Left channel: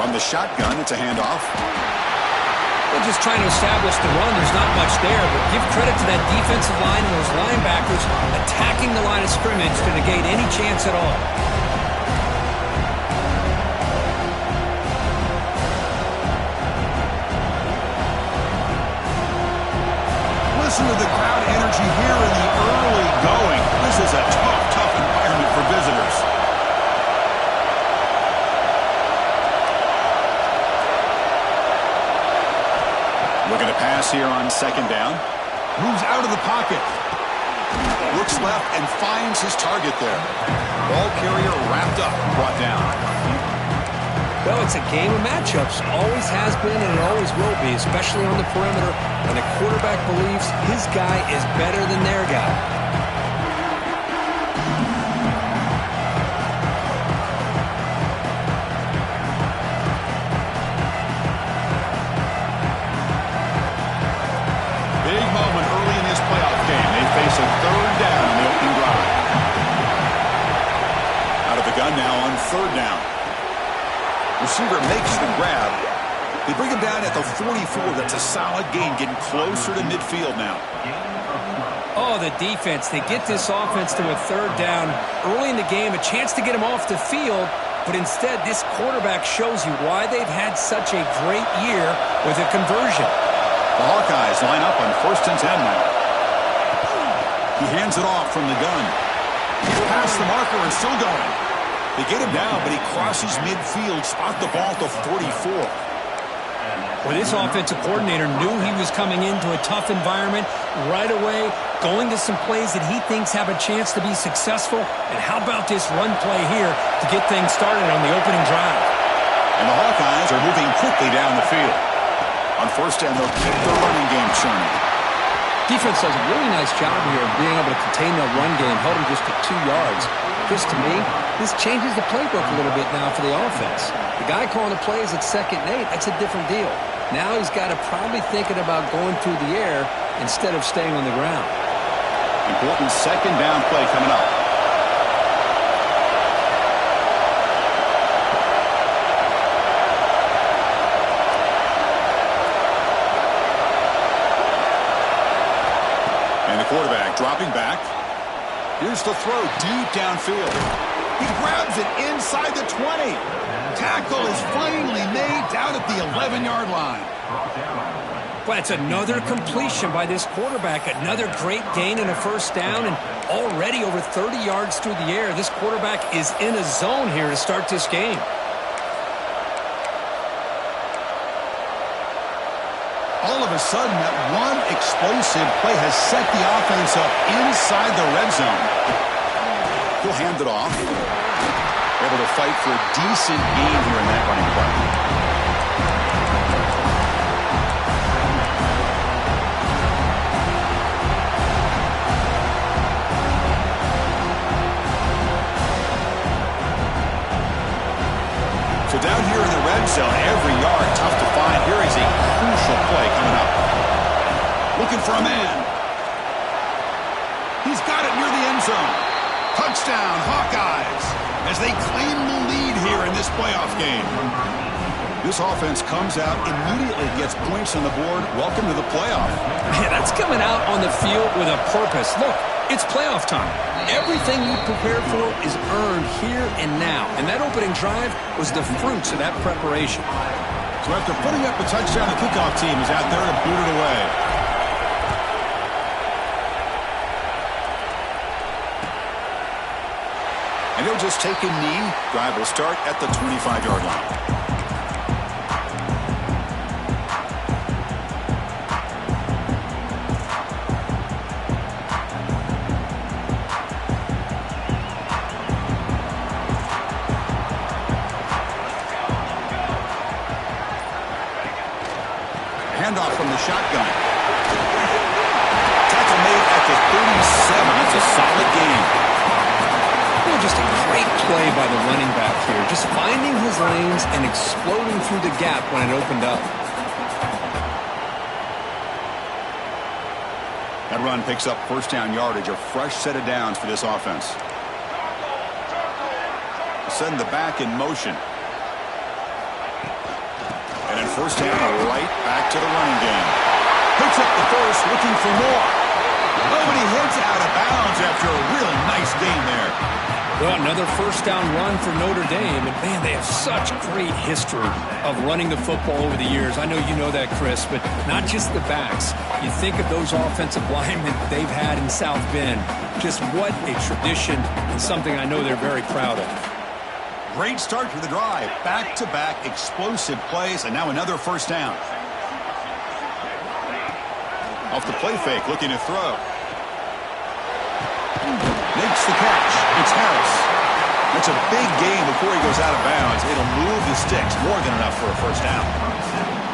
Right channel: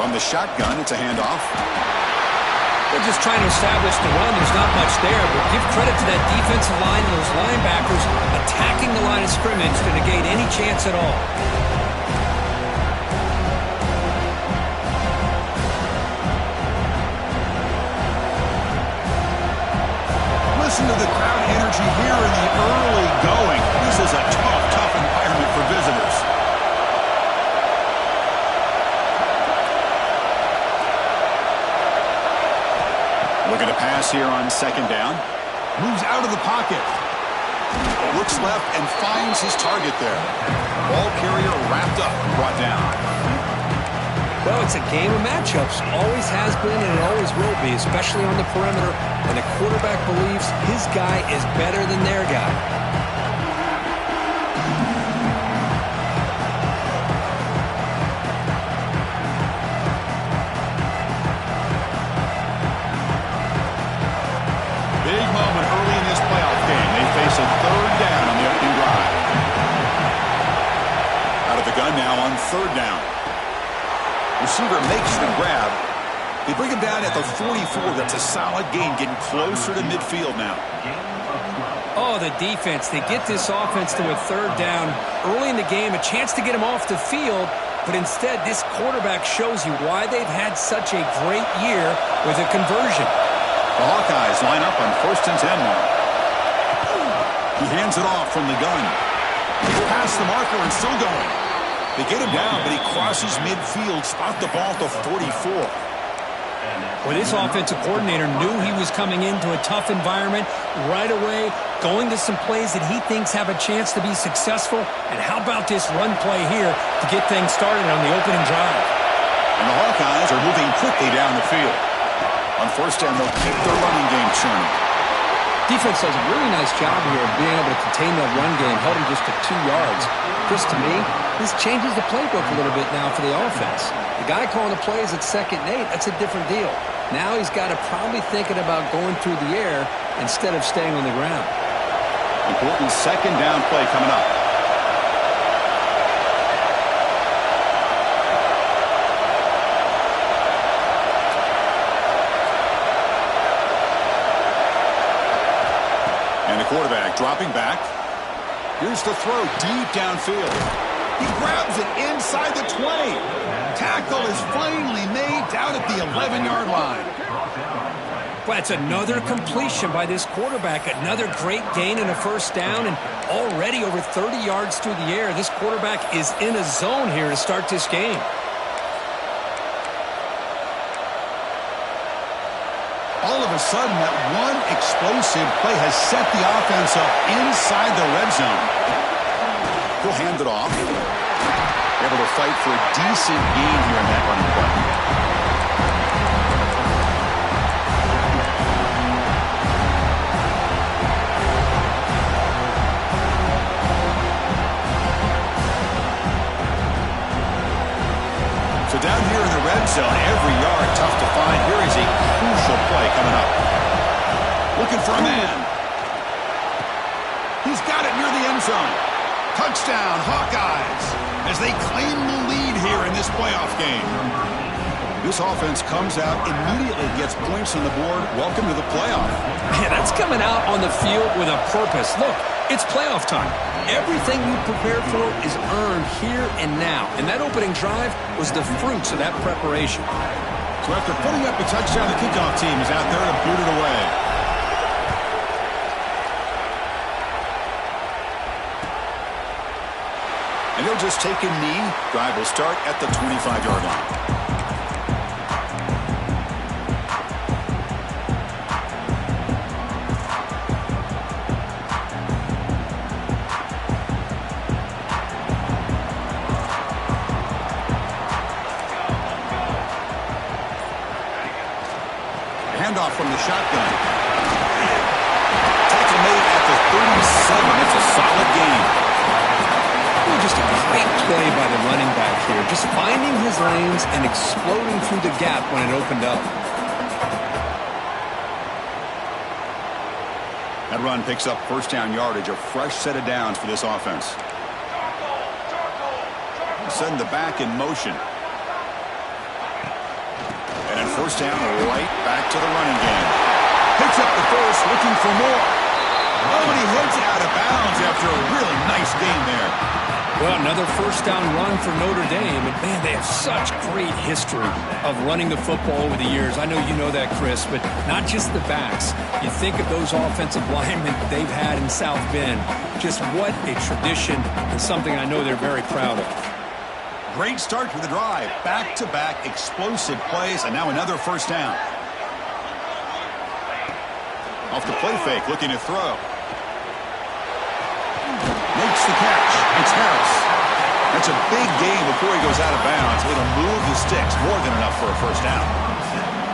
From the shotgun, it's a handoff. They're just trying to establish the run. There's not much there, but give credit to that defensive line and those linebackers attacking the line of scrimmage to negate any chance at all. Listen to the crowd energy here in the early going. This is a tough environment for visitors. Looking to pass here on second down. Moves out of the pocket. Looks left and finds his target there. Ball carrier wrapped up, brought down. Well, it's a game of matchups. Always has been and it always will be, especially on the perimeter. And the quarterback believes his guy is better than their guy. Big moment early in this playoff game. They face a third down on the opening drive. Out of the gun now on third down. Receiver makes the grab. They bring him down at the 44. That's a solid gain, getting closer to midfield now. Oh, the defense. They get this offense to a third down early in the game, a chance to get him off the field, but instead this quarterback shows you why they've had such a great year with a conversion. The Hawkeyes line up on 1st and 10 now. He hands it off from the gun. He's past the marker and still going. They get him down, but he crosses midfield, spot the ball to 44. Well, this offensive coordinator knew he was coming into a tough environment right away, going to some plays that he thinks have a chance to be successful. And how about this run play here to get things started on the opening drive? And the Hawkeyes are moving quickly down the field. On first down, they'll keep their running game churning. Defense does a really nice job here of being able to contain that run game, held him just to 2 yards. Chris, to me, this changes the playbook a little bit now for the offense. The guy calling the plays at 2nd and 8, that's a different deal. Now he's got to probably thinking about going through the air instead of staying on the ground. Important second down play coming up. And the quarterback dropping back. Here's the throw deep downfield. He grabs it inside the 20. Tackle is finally made down at the 11-yard line. Well, that's another completion by this quarterback. Another great gain in a first down, and already over 30 yards through the air. This quarterback is in a zone here to start this game. All of a sudden, that one explosive play has set the offense up inside the red zone. He'll hand it off. Able to fight for a decent gain here in that running play. So down here in the red zone, every yard tough to find. Here is a crucial play coming up. Looking for a man. He's got it near the end zone. Touchdown, Hawkeyes, as they claim the lead here in this playoff game. This offense comes out, immediately gets points on the board. Welcome to the playoff. Man, that's coming out on the field with a purpose. Look, it's playoff time. Everything you prepared for is earned here and now. And that opening drive was the fruits of that preparation. So after putting up a touchdown, the kickoff team is out there to boot it away. And he'll just take a knee. Drive will start at the 25-yard line. Handoff from the shotgun. Tackle made at the 37. It's a solid gain. Well, just a great play by the running back here. Just finding his lanes and exploding through the gap when it opened up. That run picks up first down yardage, a fresh set of downs for this offense. Send the back in motion. first down, right back to the running game. Picks up the first, looking for more. Oh, and he heads out of bounds after a really nice game there. Well, another first down run for Notre Dame. And, man, they have such great history of running the football over the years. I know you know that, Chris, but not just the backs. You think of those offensive linemen they've had in South Bend. Just what a tradition and something I know they're very proud of. Great start to the drive. Back-to-back explosive plays, and now another first down. Off the play fake, looking to throw. Makes the catch. It's Harris. That's a big gain before he goes out of bounds. It'll move the sticks. More than enough for a first down.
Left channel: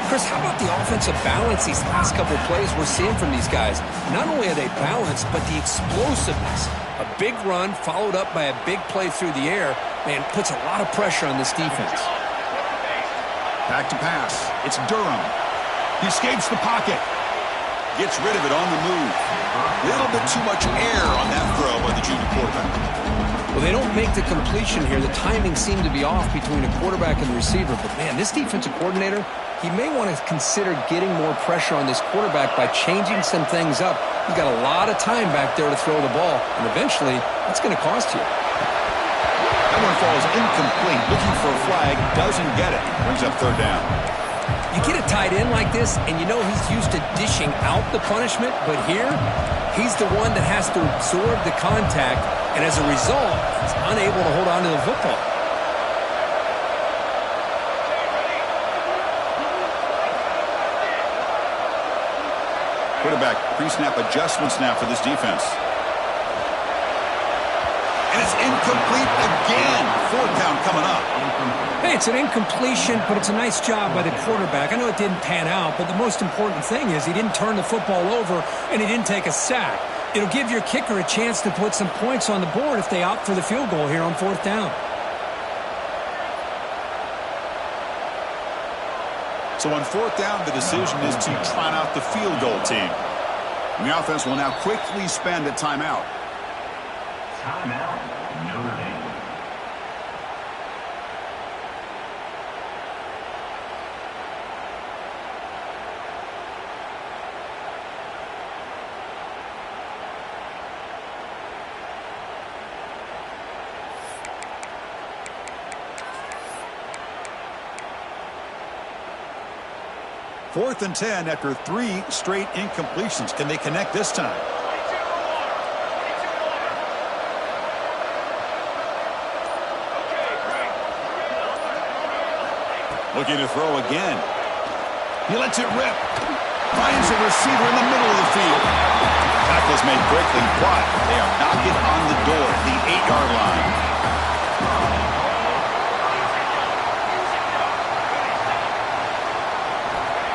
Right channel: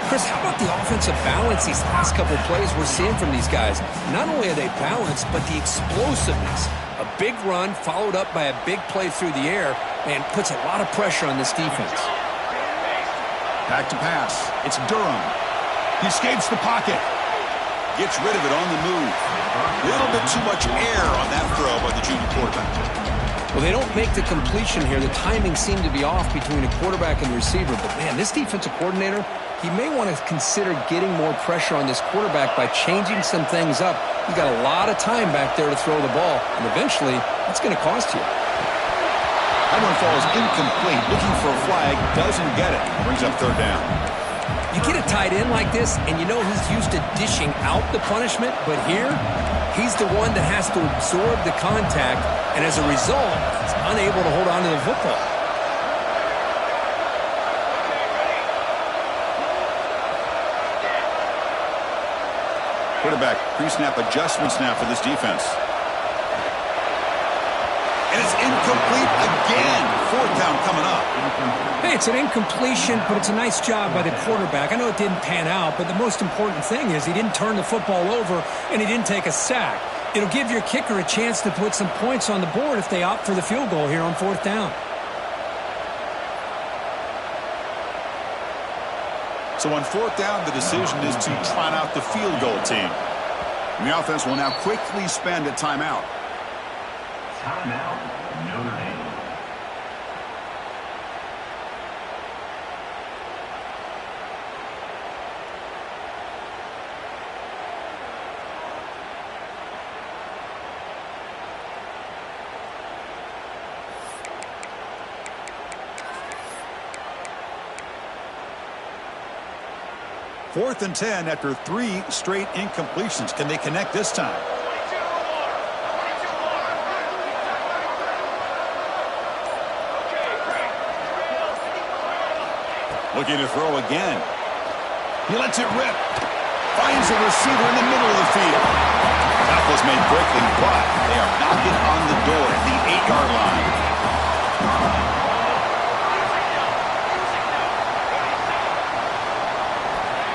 Chris, how about the offensive balance these last couple of plays we're seeing from these guys? Not only are they balanced, but the explosiveness. A big run followed up by a big play through the air, man, puts a lot of pressure on this defense. Back to pass. It's Durham. He escapes the pocket. Gets rid of it on the move. A little bit too much air on that throw by the junior quarterback. Well, they don't make the completion here. The timing seemed to be off between a quarterback and the receiver. But, man, this defensive coordinator, he may want to consider getting more pressure on this quarterback by changing some things up. He's got a lot of time back there to throw the ball, and eventually that's going to cost you. That one falls incomplete. Looking for a flag, doesn't get it. Brings up third down. You get a tight end like this, and you know he's used to dishing out the punishment, but here, he's the one that has to absorb the contact, and as a result, he's unable to hold on to the football. Quarterback pre-snap adjustments now for this defense. And it's incomplete again. Fourth down coming up. Hey, it's an incompletion, but it's a nice job by the quarterback. I know it didn't pan out, but the most important thing is he didn't turn the football over and he didn't take a sack. It'll give your kicker a chance to put some points on the board if they opt for the field goal here on fourth down. So on fourth down, the decision is to trot out the field goal team. And the offense will now quickly spend a timeout. Timeout, Notre Dame. Fourth and 10 after 3 straight incompletions. Can they connect this time? Looking to throw again. He lets it rip. Finds a receiver in the middle of the field. Tackle's made quickly, but they are knocking on the door at the 8-yard line.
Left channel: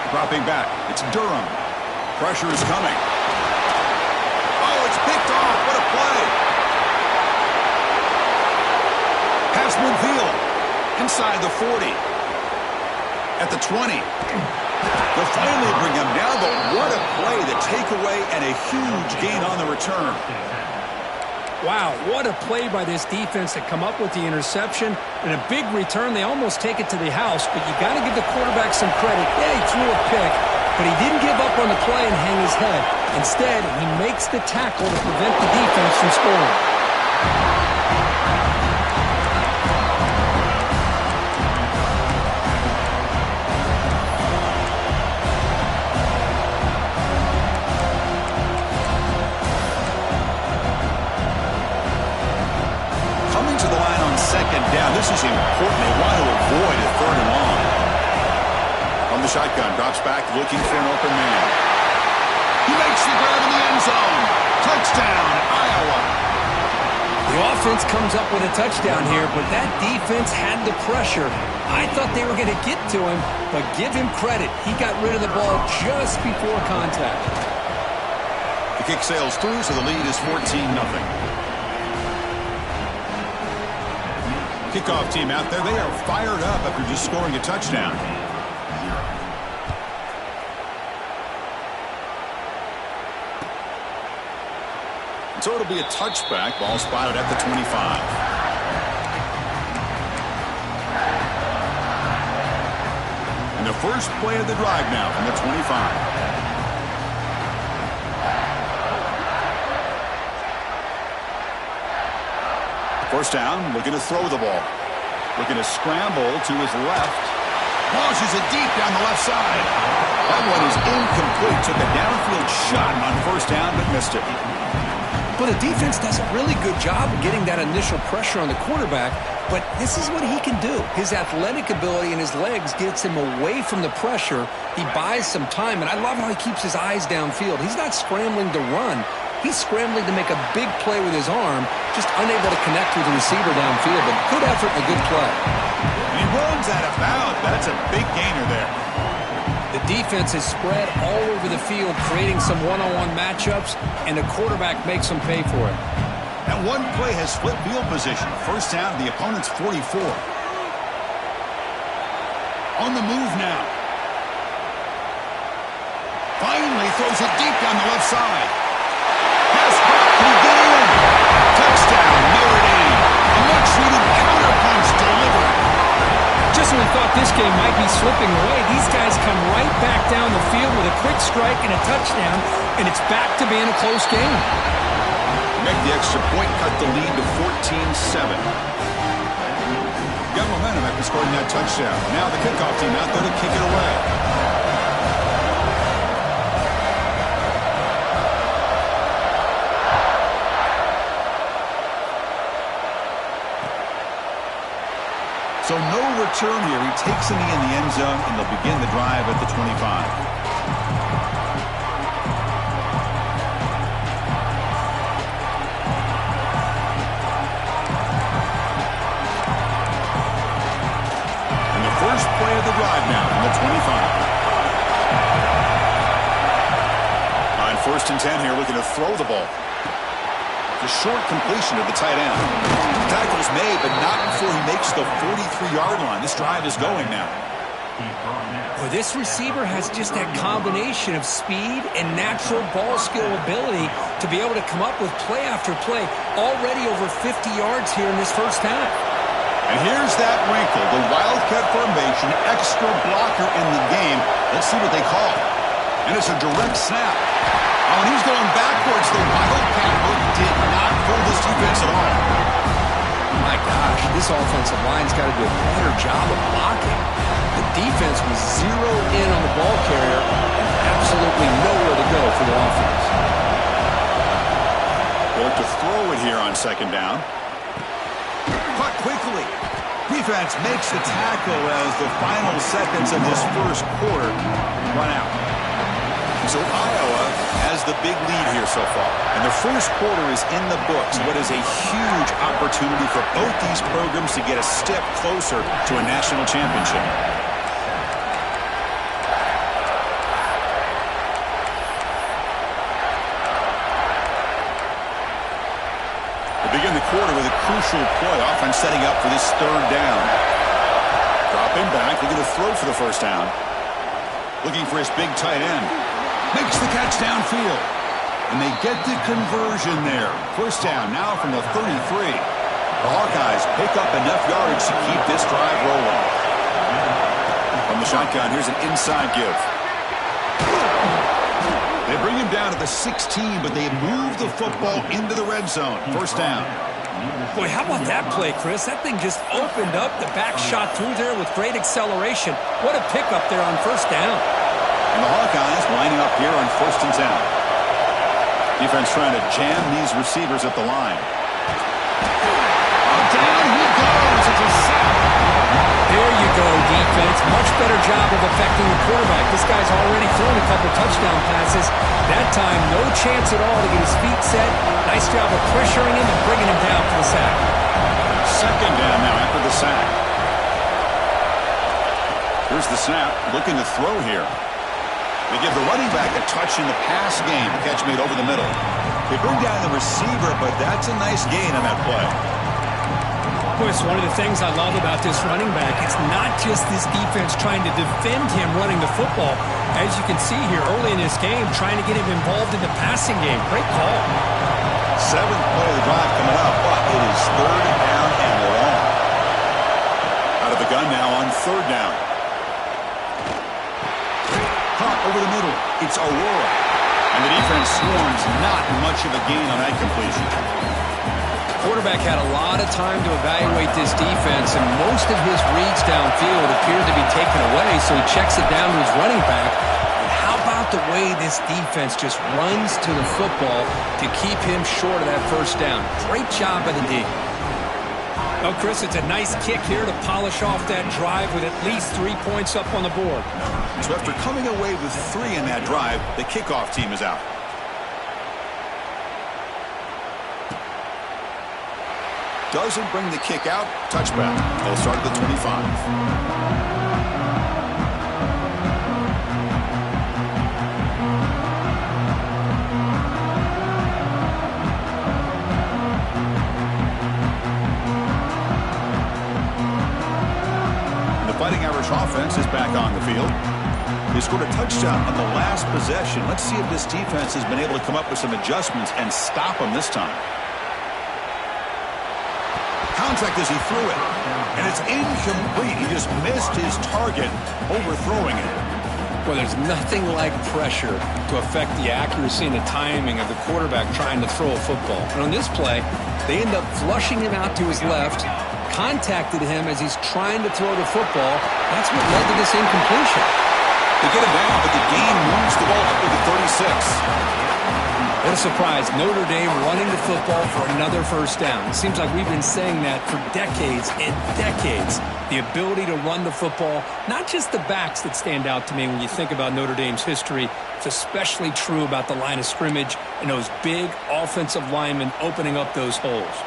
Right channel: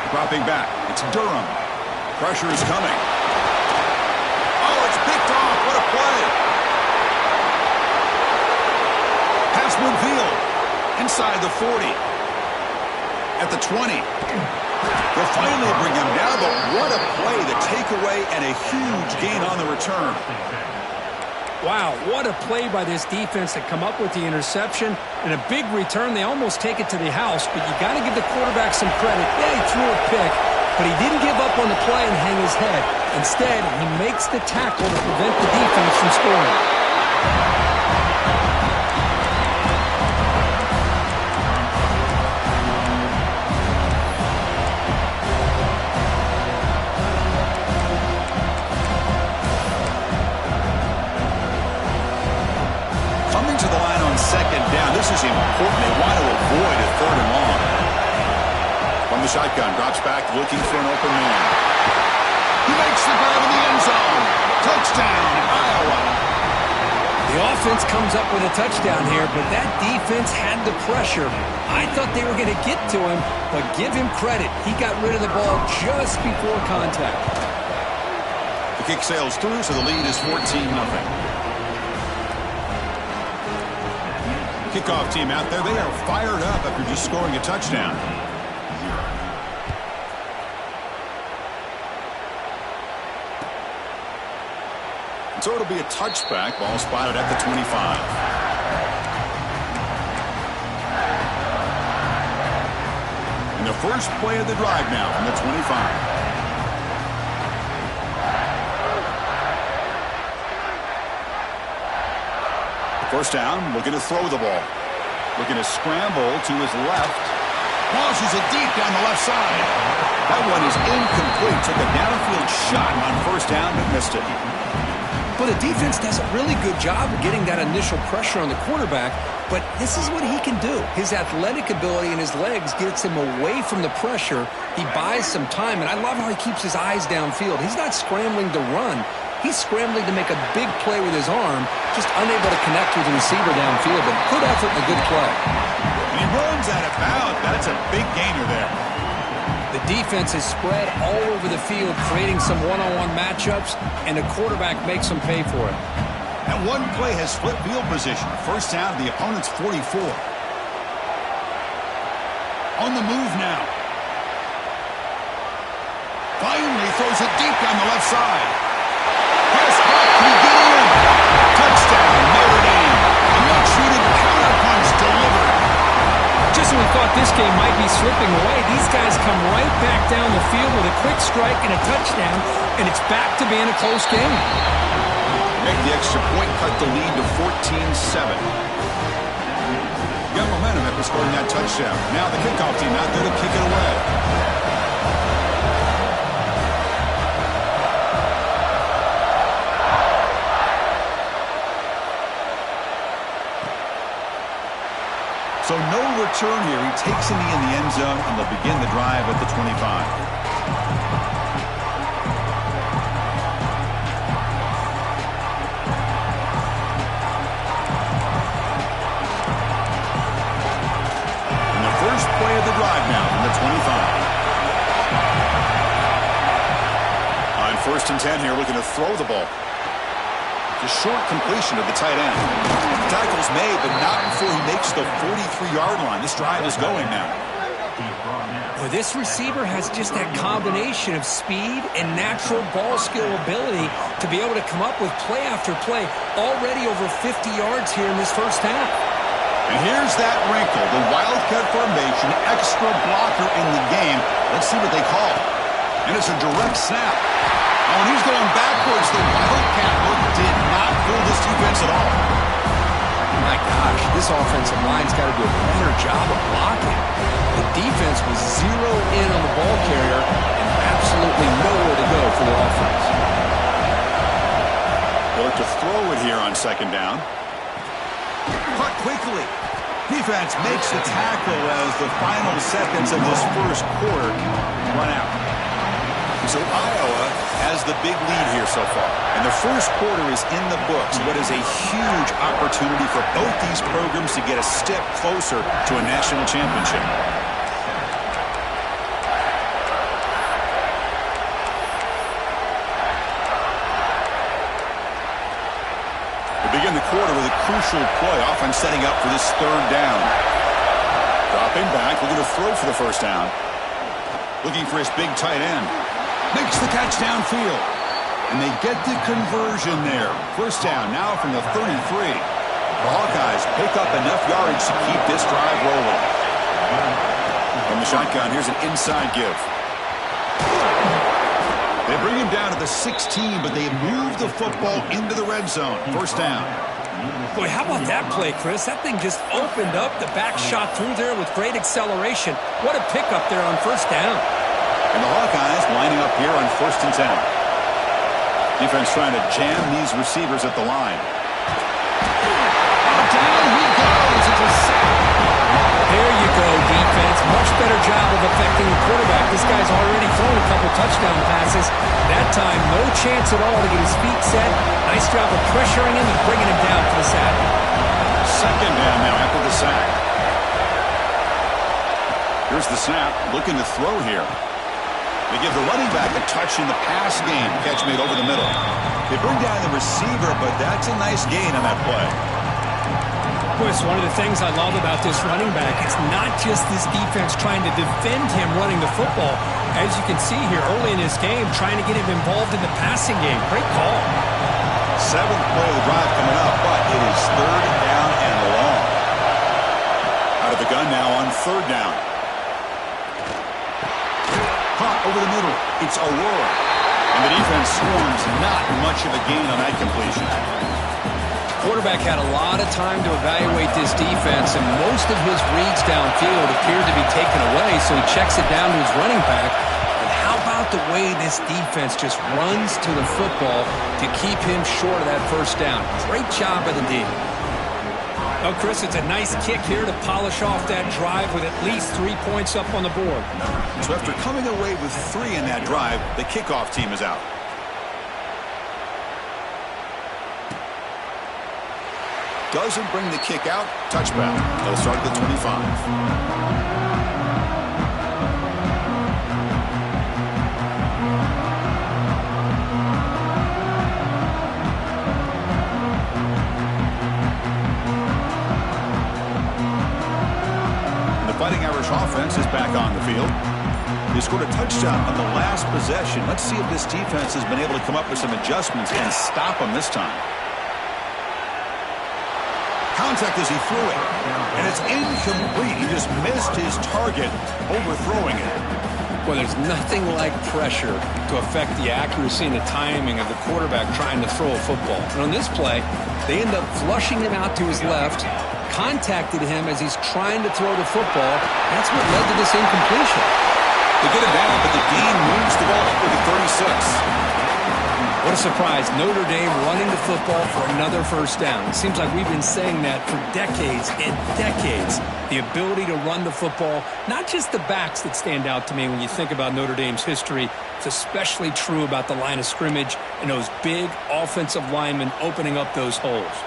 Dropping back. It's Durham. Pressure is coming. Oh, it's picked off. What a play. Pass midfield. Inside the 40. At the 20. They'll finally bring him down, but what a play. The takeaway and a huge gain on the return. Wow, what a play by this defense to come up with the interception and a big return. They almost take it to the house, but you got to give the quarterback some credit. Yeah, he threw a pick, but he didn't give up on the play and hang his head. Instead, he makes the tackle to prevent the defense from scoring. To the line on second down. This is important. They want to avoid a third and long. From the shotgun, drops back looking for an open man. He makes the grab in the end zone. Touchdown, Iowa. The offense comes up with a touchdown here, but that defense had the pressure. I thought they were going to get to him, but give him credit. He got rid of the ball just before contact. The kick sails through, so the lead is 14-0. Kickoff team out there, they are fired up after just scoring a touchdown. So it'll be a touchback. Ball spotted at the 25. And the first play of the drive now from the 25. First down, looking to throw the ball. Looking to scramble to his left. Launches it deep down the left side. That one is incomplete. Took a downfield shot on first down, but missed it. But the defense does a really good job of getting that initial pressure on the quarterback, but this is what he can do. His athletic ability and his legs gets him away from the pressure. He buys some time, and I love how he keeps his eyes downfield. He's not scrambling to run. He's scrambling to make a big play with his arm, just unable to connect with the receiver downfield, but good effort and a good play. And he runs out of bounds. That's a big gainer there. The defense is spread all over the field, creating some one-on-one matchups, and the quarterback makes them pay for it. And one play has flipped field position. First down to the opponent's 44. On the move now. Finally throws it deep down the left side. Pass caught. Can he get in? Touchdown, Notre Dame. A much-needed counterpunch delivered. Just when we thought this game might be slipping away, these guys come right back down the field with a quick strike and a touchdown, and it's back to being a close game. Make the extra point, cut the lead to 14-7. Got momentum after scoring that touchdown. Now the kickoff team out there to kick it away. So no return here. He takes it in the end zone, and they'll begin the drive at the 25. And the first play of the drive now from the 25. On 1st and 10 here, looking to throw the ball. The short completion of the tight end. Tackle's made, but not before he makes the 43-yard line. This drive is going now. Well, this receiver has just that combination of speed and natural ball skill ability to be able to come up with play after play. Already over 50 yards here in this first half. And here's that wrinkle, the Wildcat formation, extra blocker in the game. Let's see what they call. And it's a direct snap. Oh, and he's going backwards. The Wildcat look did not fool this defense at all. My gosh, this offensive line's got to do a better job of blocking. The defense was zeroed in on the ball carrier and absolutely nowhere to go for the offense. They look to throw it here on 2nd down. Caught quickly. Defense makes the tackle as the final seconds of this first quarter run out. So Iowa has the big lead here so far. And the first quarter is in the books. What is a huge opportunity for both these programs to get a step closer to a national championship. We begin the quarter with a crucial play, offense setting up for this 3rd down. Dropping back, looking to throw for the first down. Looking for his big tight end. Makes the catch downfield. And they get the conversion there. First down now from the 33. The Hawkeyes pick up enough yardage to keep this drive rolling. From the shotgun, here's an inside give. They bring him down to the 16, but they move the football into the red zone. First down. Boy, how about that play, Chris? That thing just opened up. The back shot through there with great acceleration. What a pickup there on first down. And the Hawkeyes lining up here on 1st and 10. Defense trying to jam these receivers at the line. Oh, down he goes. It's a sack. There you go, defense. Much better job of affecting the quarterback. This guy's already thrown a couple touchdown passes. That time, no chance at all to get his feet set. Nice job of pressuring him and bringing him down for the sack. 2nd down now after the sack. Here's the snap. Looking to throw here. They give the running back a touch in the pass game. Catch made over the middle. They bring down the receiver, but that's a nice gain on that play. Boy, it's one of the things I love about this running back. It's not just this defense trying to defend him running the football. As you can see here early in this game, trying to get him involved in the passing game. Great call. 7th play of the drive coming up, but it is 3rd down and long. Out of the gun now on 3rd down. caught over the middle. It's Aurora. And the defense swarms, not much of a gain on that completion. Quarterback had a lot of time to evaluate this defense, and most of his reads downfield appeared to be taken away, so he checks it down to his running back. But how about the way this defense just runs to the football to keep him short of that first down? Great job by the D. Well, Chris, it's a nice kick here to polish off that drive with at least 3 points up on the board. So after coming away with 3 in that drive, the kickoff team is out. Doesn't bring the kick out. Touchback. They'll start at the 25. The Fighting Irish offense is back on the field. They scored a touchdown on the last possession. Let's see if this defense has been able to come up with some adjustments and stop them this time. Contact as he threw it, and it's incomplete. He just missed his target, overthrowing it. Well, there's nothing like pressure to affect the accuracy and the timing of the quarterback trying to throw a football. And on this play, they end up flushing him out to his left, contacted him as he's trying to throw the football. That's what led to this incompletion. They get it down, but the gain moves the ball up to the 36. What a surprise. Notre Dame running the football for another first down. It seems like we've been saying that for decades and decades. The ability to run the football, not just the backs that stand out to me when you think about Notre Dame's history. It's especially true about the line of scrimmage and those big offensive linemen opening up those holes.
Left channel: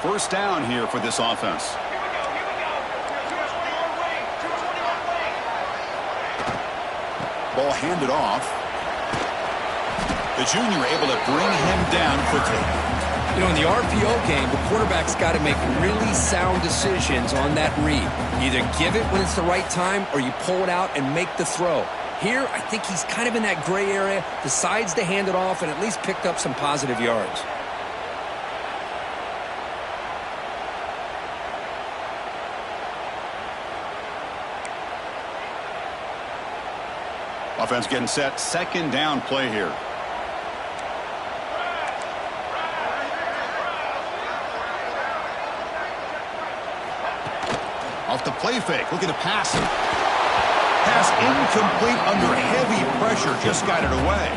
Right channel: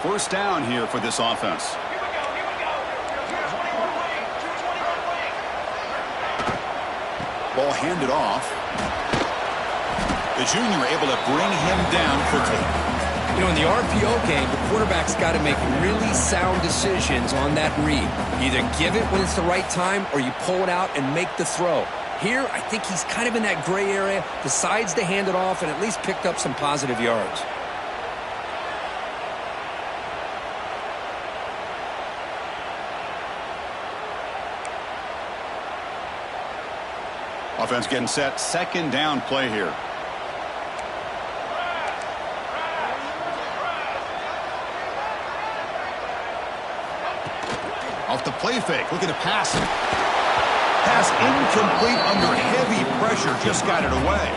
First down here for this offense. Here we go. 221 wing. 221 wing. Ball handed off. The junior able to bring him down quickly. You know, in the RPO game, the quarterback's got to make really sound decisions on that read. You either give it when it's the right time or you pull it out and make the throw. Here, I think he's kind of in that gray area, decides to hand it off and at least picked up some positive yards. Offense getting set. Second down play here. Off the play fake. Looking to pass him. Pass incomplete under heavy pressure. Just got it away.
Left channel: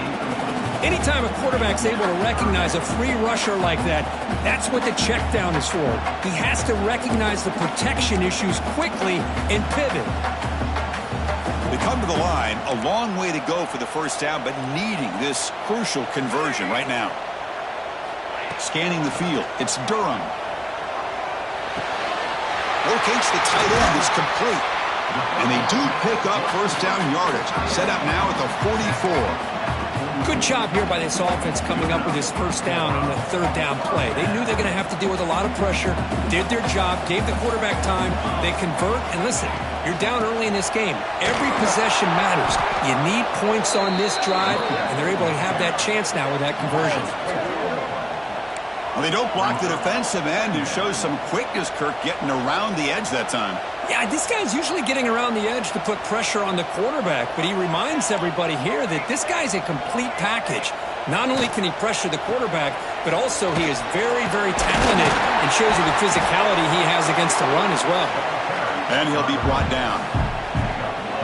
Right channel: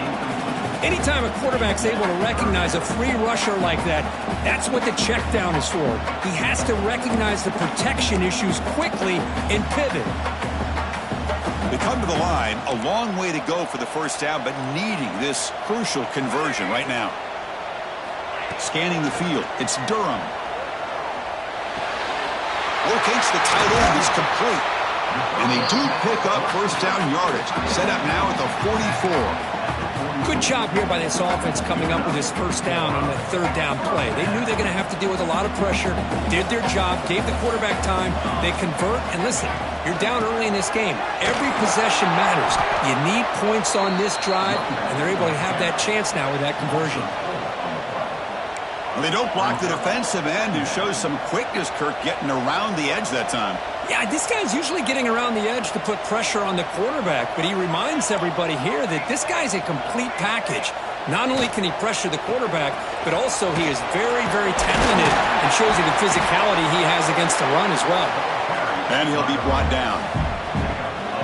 Anytime a quarterback's able to recognize a free rusher like that, that's what the check down is for. He has to recognize the protection issues quickly and pivot. They come to the line. A long way to go for the first down, but needing this crucial conversion right now. Scanning the field. It's Durham. Locates the tight end. Is complete. And they do pick up first down yardage. Set up now at the 44. Good job here by this offense coming up with this first down on the third down play. They knew they're going to have to deal with a lot of pressure, did their job, gave the quarterback time. They convert, and listen, you're down early in this game. Every possession matters. You need points on this drive, and they're able to have that chance now with that conversion. Well, they don't block the defensive end, who shows some quickness, Kirk, getting around the edge that time. Yeah, this guy's usually getting around the edge to put pressure on the quarterback, but he reminds everybody here that this guy's a complete package. Not only can he pressure the quarterback, but also he is very, very talented and shows you the physicality he has against the run as well. And he'll be brought down.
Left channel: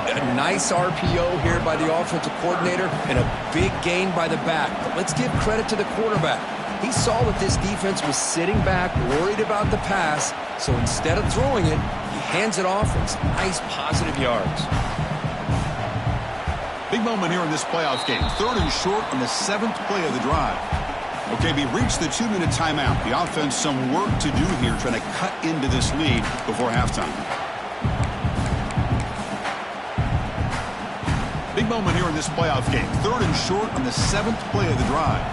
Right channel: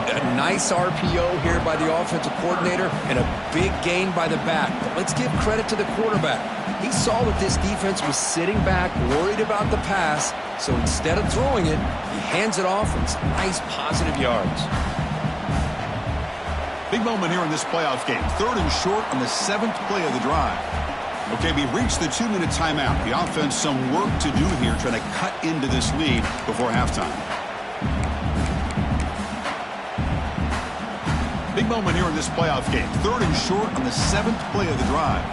A nice RPO here by the offensive coordinator and a big gain by the back. But let's give credit to the quarterback. He saw that this defense was sitting back, worried about the pass, so instead of throwing it, he hands it off and some nice positive yards. Big moment here in this playoff game. Third and short on the 7th play of the drive. Okay, we reached the 2-minute timeout. The offense some work to do here, trying to cut into this lead before halftime. Big moment here in this playoff game. Third and short on the 7th play of the drive.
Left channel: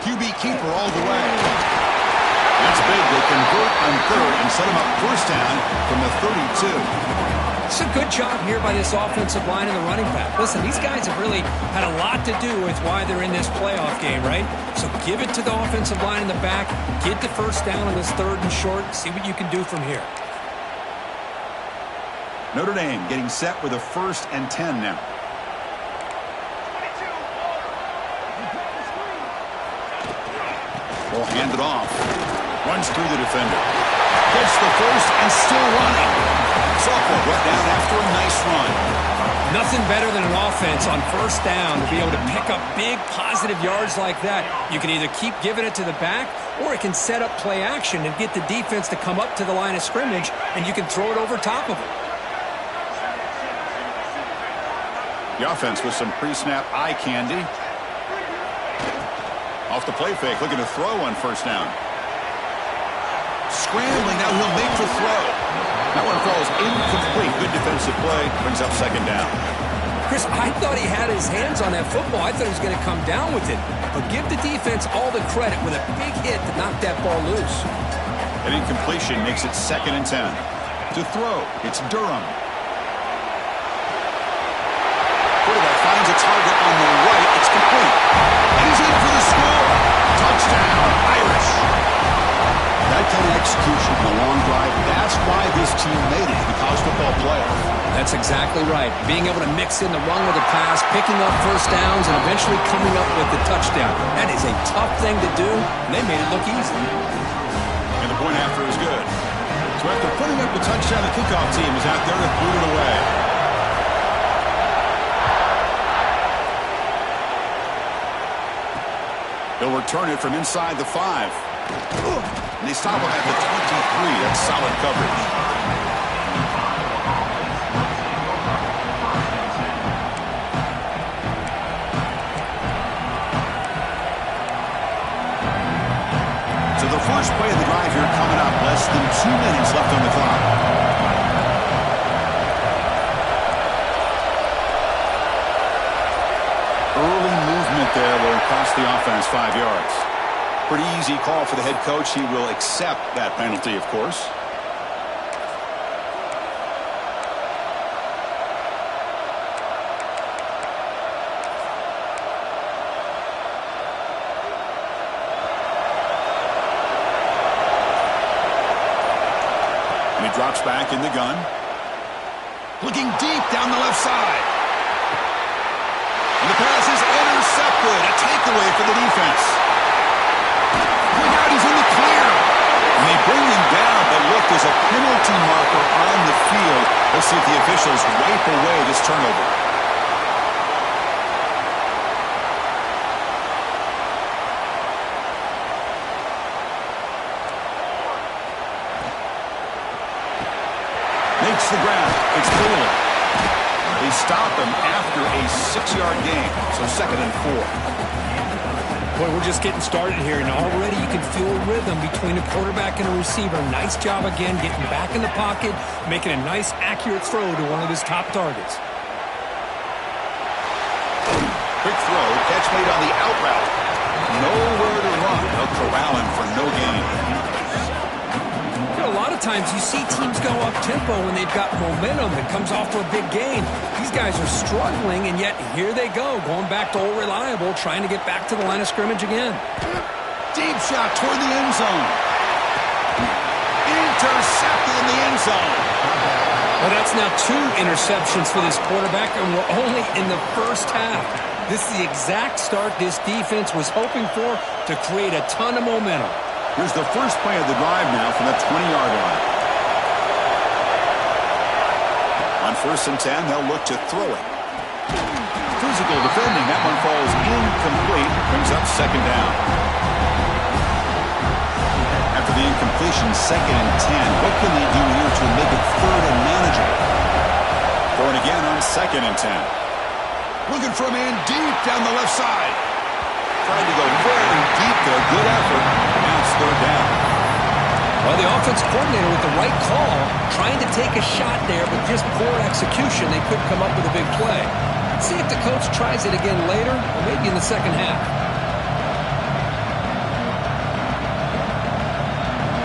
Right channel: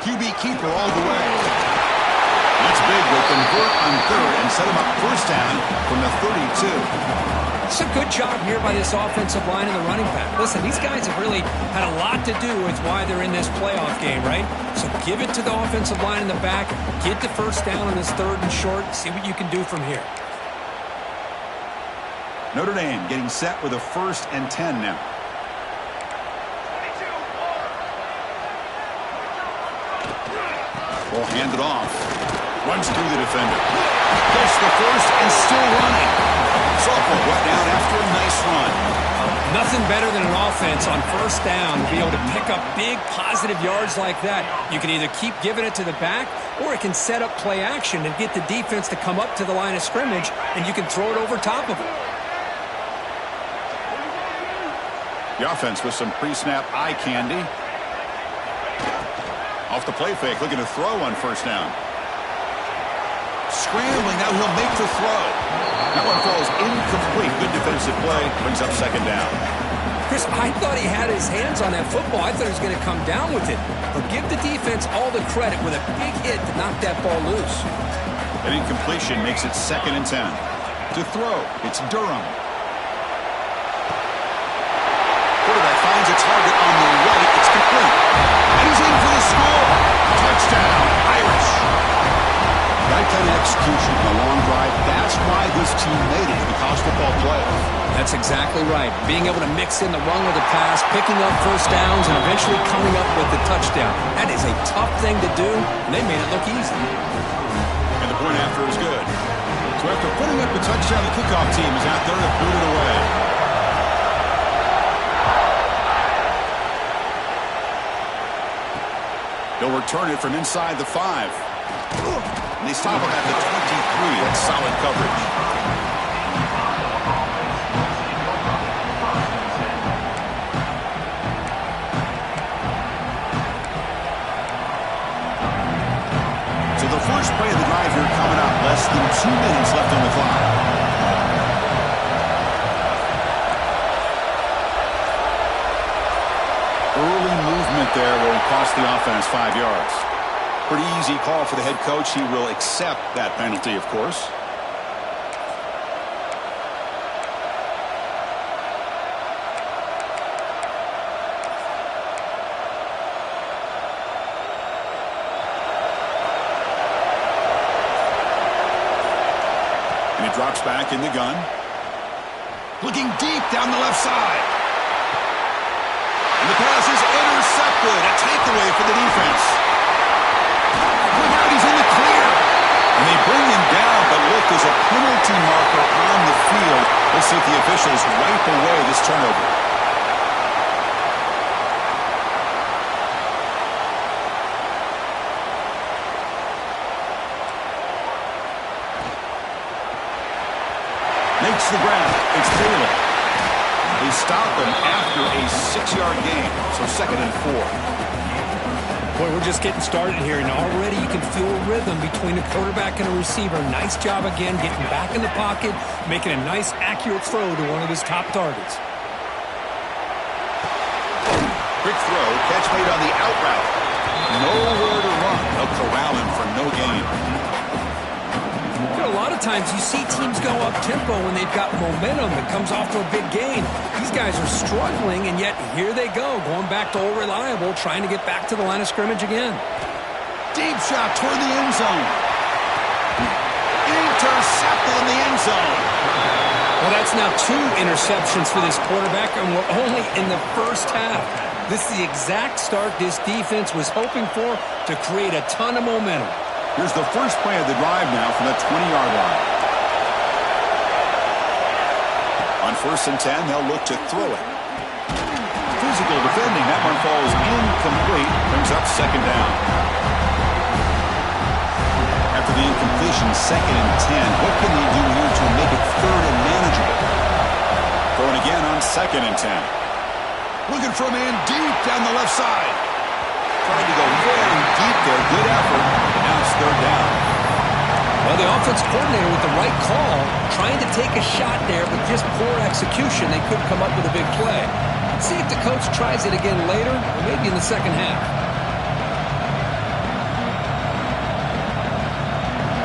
QB keeper all the way. That's big. They convert on third and set him up first down from the 32. It's a good job here by this offensive line and the running back. Listen, these guys have really had a lot to do with why they're in this playoff game, right? So give it to the offensive line in the back. Get the first down on this third and short. See what you can do from here. Notre Dame getting set with a 1st and 10 now. 22, Will hand it off. Runs through the defender. Gets the first and still running. Sophomore brought down after a nice run. Nothing better than an offense on 1st down to be able to pick up big positive yards like that. You can either keep giving it to the back, or it can set up play action and get the defense to come up to the line of scrimmage, and you can throw it over top of it. The offense with some pre-snap eye candy. Off the play fake, looking to throw on 1st down. Scrambling, now he'll make the throw. That one falls incomplete. Good defensive play, brings up 2nd down. Chris, I thought he had his hands on that football. I thought he was going to come down with it. But give the defense all the credit with a big hit to knock that ball loose. An incompletion makes it 2nd and 10. To throw, it's Durham. Quarterback finds a target on the right. It's complete. And he's in for the score. Touchdown, Irish. That kind of execution on a long drive, that's why this team made it to the college football playoff. That's exactly right. Being able to mix in the run with the pass, picking up 1st downs, and eventually coming up with the touchdown. That is a tough thing to do, and they made it look easy. And the point after is good. So after putting up the touchdown, the kickoff team is out there to boot it away. They'll return it from inside the 5. And they stop him at the 23. That's solid coverage. So the first play of the drive here coming up. Less than 2 minutes left on the clock. Early movement there will cost the offense 5 yards. Pretty easy call for the head coach. He will accept that penalty, of course. And he drops back in the gun. Looking deep down the left side. And the pass is intercepted. A takeaway for the defense. Look out, he's in the clear. And they bring him down, but look, there's a penalty marker on the field. Let's see if the officials wipe away this turnover. Makes the grab. It's Bailey. They stop him after a 6-yard gain, so 2nd and 4. Boy, we're just getting started here, and already you can feel a rhythm between a quarterback and a receiver. Nice job again getting back in the pocket, making a nice, accurate throw to one of his top targets. Quick throw, catch made on the out route. Nowhere to run. They'll corral him for no gain. You know, a lot of times you see teams go up-tempo when they've got momentum that comes off to a big gain. These guys are struggling, and yet here they go, going back to old reliable, trying to get back to the line of scrimmage again. Deep shot toward the end zone. Intercepted in the end zone. Well, that's now 2 interceptions for this quarterback, and we're only in the first half. This is the exact start this defense was hoping for to create a ton of momentum. Here's the first play of the drive now from the 20-yard line. On 1st and 10, they'll look to throw it. Physical defending. That one falls incomplete. Brings up 2nd down. After the incompletion, 2nd and 10. What can they do here to make it 3rd and manageable? Throwing again on 2nd and 10. Looking for a man deep down the left side. Trying to go very deep there. Good effort. Now it's 3rd down. Well, the offense coordinator with the right call, trying to take a shot there, but just poor execution. They couldn't come up with a big play. Let's see if the coach tries it again later, or maybe in the second half.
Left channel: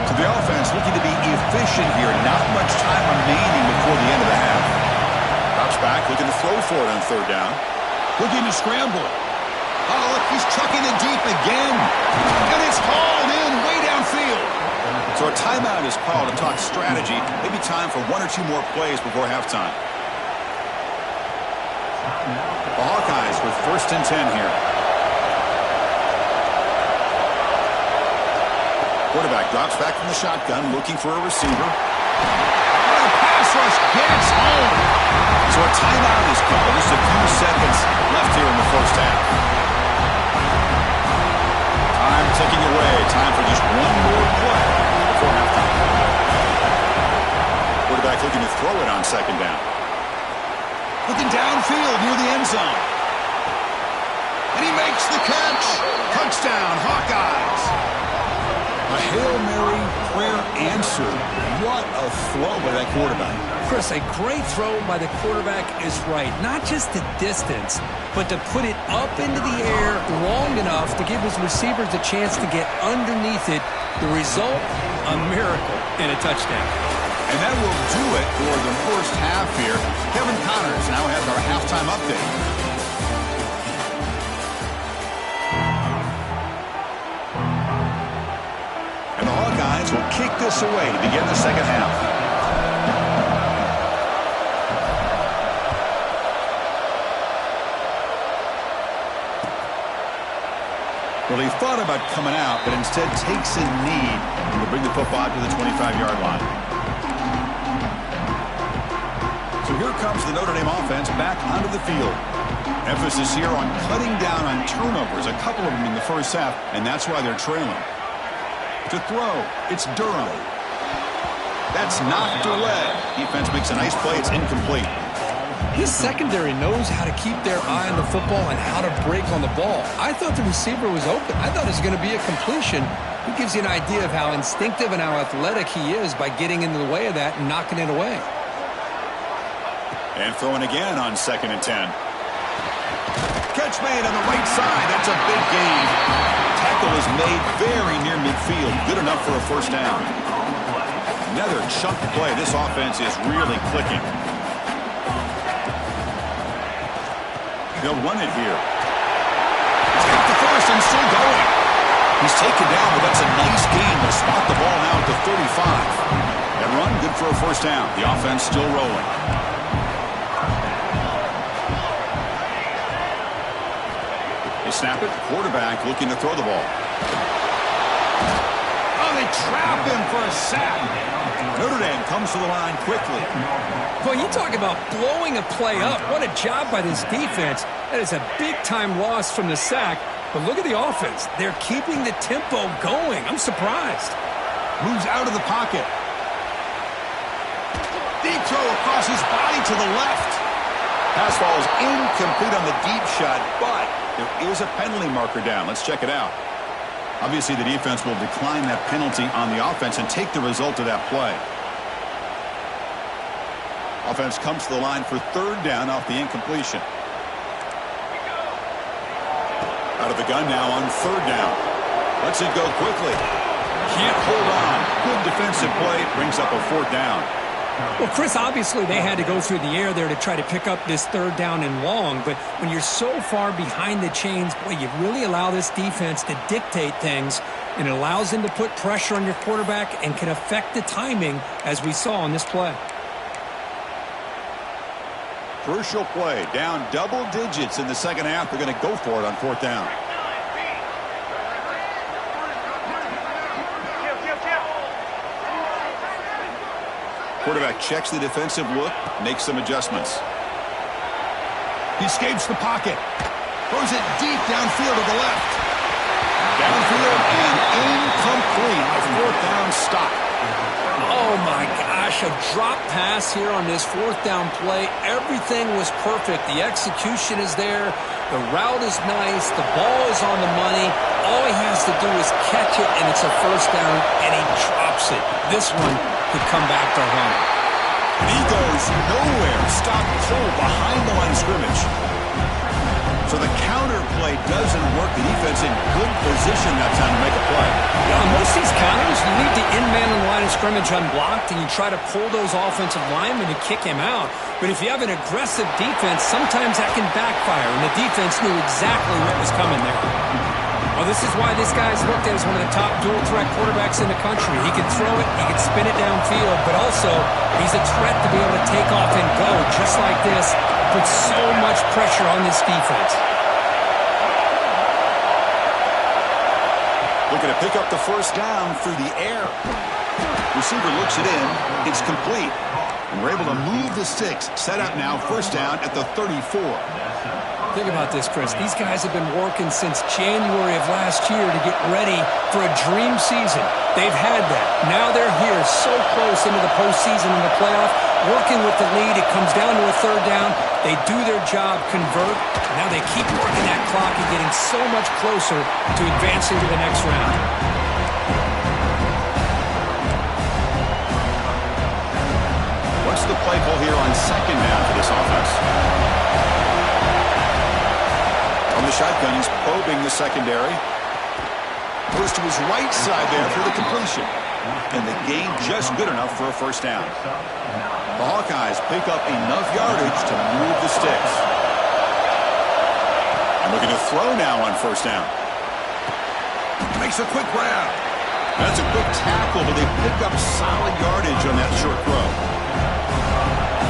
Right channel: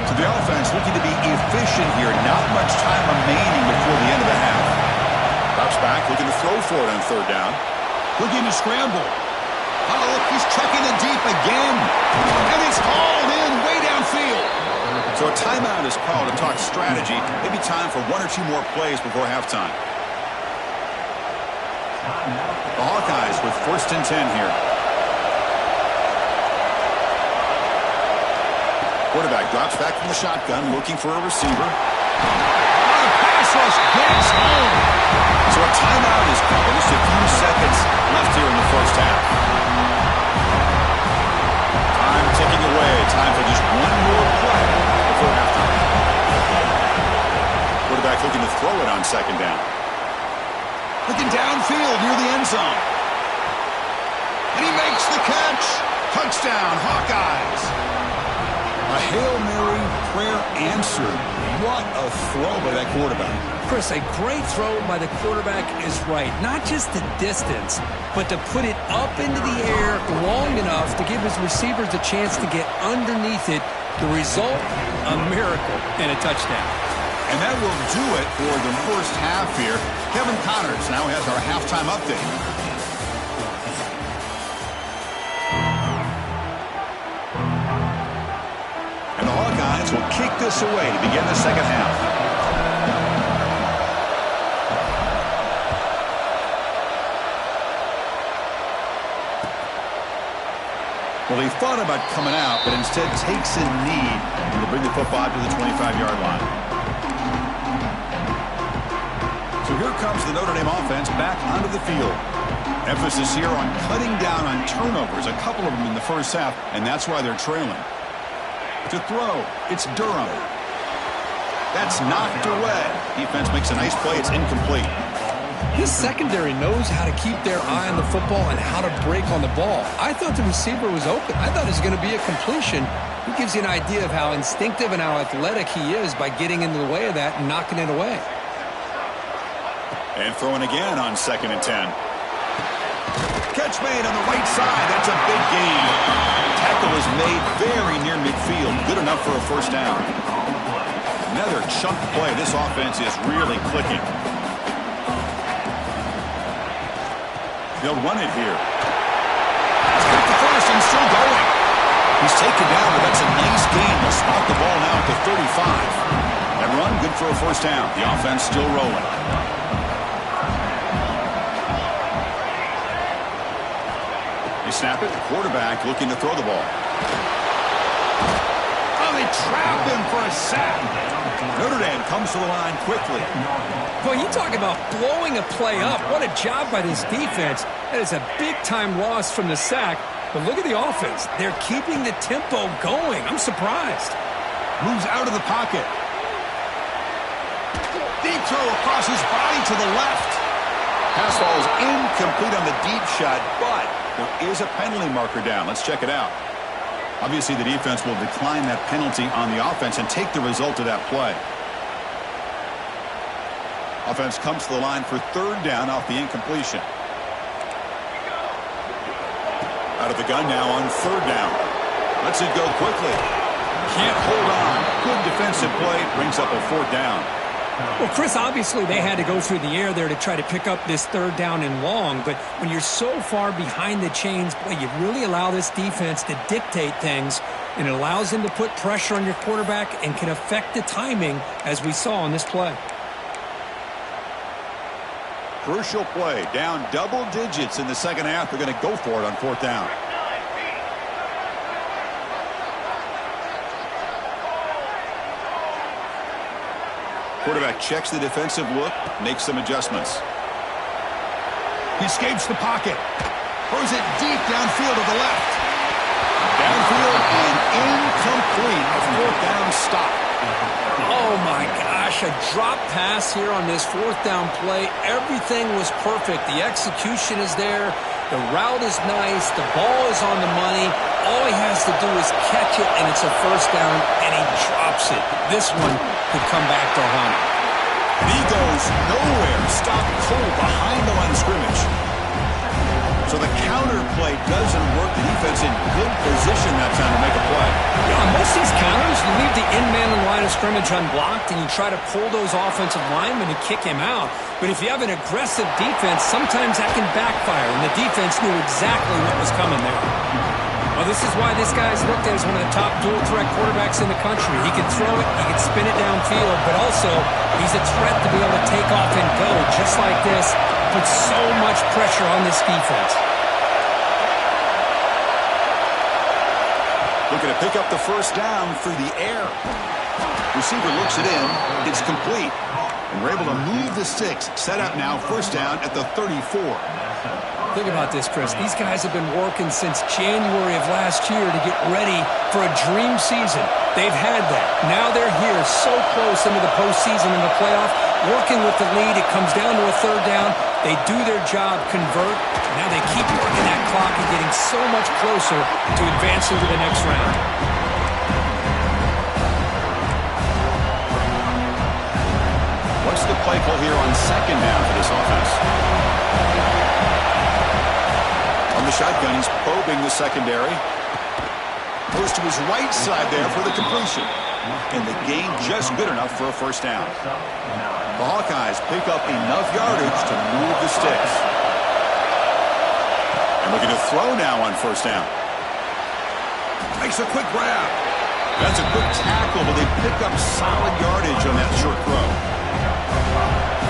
So the offense looking to be efficient here. Not much time remaining before the end of the half. Drops back, looking to throw for it on 3rd down. Looking to scramble. Oh, look, he's chucking it deep again. And it's hauled in way downfield. So a timeout is called to talk strategy. Maybe time for one or two more plays before halftime. The Hawkeyes with 1st and 10 here. Quarterback drops back from the shotgun, looking for a receiver. The pass rush gets home. So a timeout is called. Just a few seconds left here in the first half. Time ticking away. Time for just one more play before halftime. Quarterback looking to throw it on 2nd down. Looking downfield near the end zone. And he makes the catch. Touchdown, Hawkeyes. A Hail Mary prayer answered. What a throw by that quarterback. Chris, a great throw by the quarterback is right. Not just the distance, but to put it up into the air long enough to give his receivers a chance to get underneath it. The result, a miracle and a touchdown. And that will do it for the first half here. Kevin Connors now has our halftime update. And the Hawkeyes will kick this away to begin the second half. Well, he thought about coming out, but instead takes a knee to bring the football to the 25-yard line. So here comes the Notre Dame offense back onto the field. Emphasis here on cutting down on turnovers, a couple of them in the first half, and that's why they're trailing. To throw, it's Durham. That's knocked away. Defense makes a nice play. It's incomplete. This secondary knows how to keep their eye on the football and how to break on the ball. I thought the receiver was open. I thought it was going to be a completion. It gives you an idea of how instinctive and how athletic he is by getting into the way of that and knocking it away. And throwing again on 2nd and 10. Catch made on the right side. That's a big gain. Tackle is made very near midfield. Good enough for a first down. Another chunk play. This offense is really clicking. They'll run it here. He's got the first and still going. He's taken down, but that's a nice gain. They'll spot the ball now at the 35. That run, good for a first down. The offense still rolling. They snap it. The quarterback looking to throw the ball. Oh, they trap him for a sack. Notre Dame comes to the line quickly. Well, you talk about blowing a play up. What a job by this defense. That is a big-time loss from the sack. But look at the offense. They're keeping the tempo going. I'm surprised. Moves out of the pocket. Deep throw across his body to the left. Pass ball is incomplete on the deep shot, but there is a penalty marker down. Let's check it out. Obviously, the defense will decline that penalty on the offense and take the result of that play. Offense comes to the line for 3rd down off the incompletion. Out of the gun now on 3rd down. Lets it go quickly. Can't hold on. Good defensive play. Brings up a 4th down. Well, Chris, obviously they had to go through the air there to try to pick up this 3rd down and long, but when you're so far behind the chains, boy, you really allow this defense to dictate things, and it allows them to put pressure on your quarterback and can affect the timing, as we saw on this play. Crucial play. Down double digits in the second half. They're going to go for it on 4th down. Quarterback checks the defensive look, makes some adjustments. He escapes the pocket. Throws it deep downfield to the left. Downfield and incomplete. A 4th down stop. Oh, my gosh, a drop pass here on this 4th down play. Everything was perfect. The execution is there. The route is nice. The ball is on the money. All he has to do is catch it, and it's a 1st down, and he drops it. This one could come back to haunt him. And he goes nowhere. Stopped cold behind the line of scrimmage. So the counter play doesn't work. The defense in good position that time to make a play. Yeah, on most of these counters, you leave the in man on the line of scrimmage unblocked, and you try to pull those offensive linemen and kick him out. But if you have an aggressive defense, sometimes that can backfire, and the defense knew exactly what was coming there. Well, this is why this guy's looked at as one of the top dual-threat quarterbacks in the country. He can throw it, he can spin it downfield, but also he's a threat to be able to take off and go just like this. Puts so much pressure on this defense. Looking to pick up the first down through the air. Receiver looks it in. It's complete. And we're able to move the sticks. Set up now, first down at the 34. Think about this, Chris. These guys have been working since January of last year to get ready for a dream season. They've had that. Now they're here so close into the postseason and the playoff, working with the lead. It comes down to a third down. They do their job, convert. Now they keep working that clock and getting so much closer to advancing to the next round. What's the play call here on second down for this offense? On the shotgun, he's probing the secondary. Goes to his right side there for the completion. And the gain just good enough for a first down. The Hawkeyes pick up enough yardage to move the sticks. And looking to throw now on first down. Makes a quick grab. That's a quick tackle, but they pick up solid yardage on that short throw.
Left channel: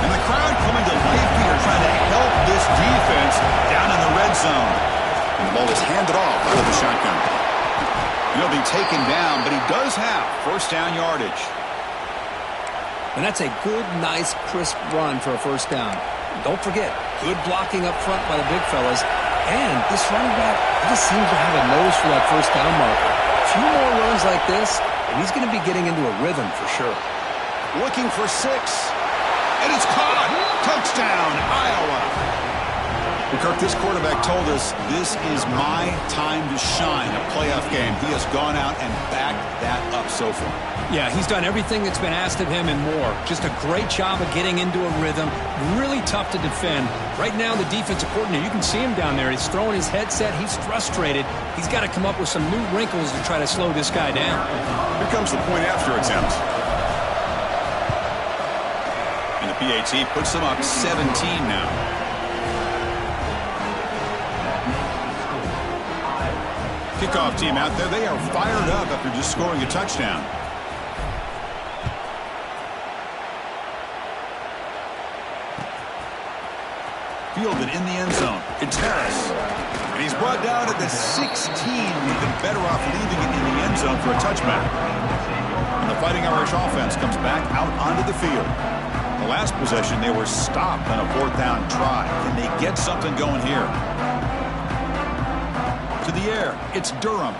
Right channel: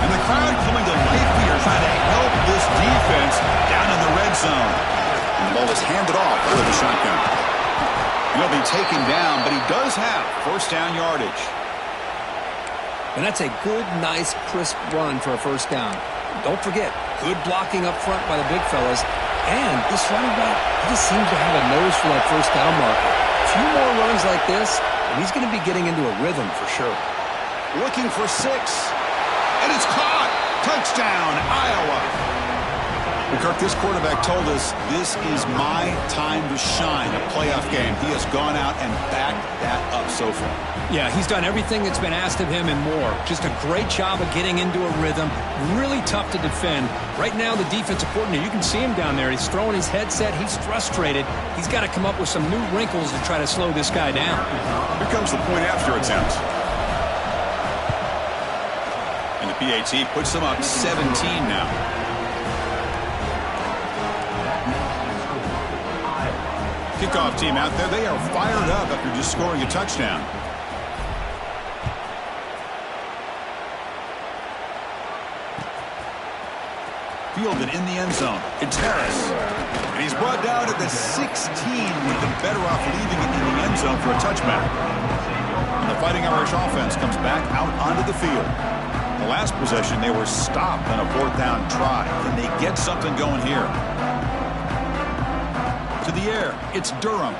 And the crowd coming to life here, trying to help this defense down in the red zone. And the ball is handed off out of the shotgun. And he'll be taken down, but he does have first down yardage. And that's a good, nice, crisp run for a first down. Don't forget, good blocking up front by the big fellas. And this running back, he just seems to have a nose for that first down marker. A few more runs like this, and he's going to be getting into a rhythm for sure. Looking for 6. And it's caught. Touchdown, Iowa. Well, Kirk, this quarterback told us this is my time to shine, a playoff game. He has gone out and backed that up so far. Yeah, he's done everything that's been asked of him and more. Just a great job of getting into a rhythm. Really tough to defend. Right now, the defensive coordinator, you can see him down there. He's throwing his headset. He's frustrated. He's got to come up with some new wrinkles to try to slow this guy down. Here comes the point after attempt. And the PAT puts them up 17 now. Kickoff team out there. They are fired up after just scoring a touchdown. Fielded in the end zone. It's Harris. And he's brought down at the 16 with them better off leaving it in the end zone for a touchback. And the Fighting Irish offense comes back out onto the field. The last possession, they were stopped on a fourth down try. Can they get something going here? To the air, it's Durham.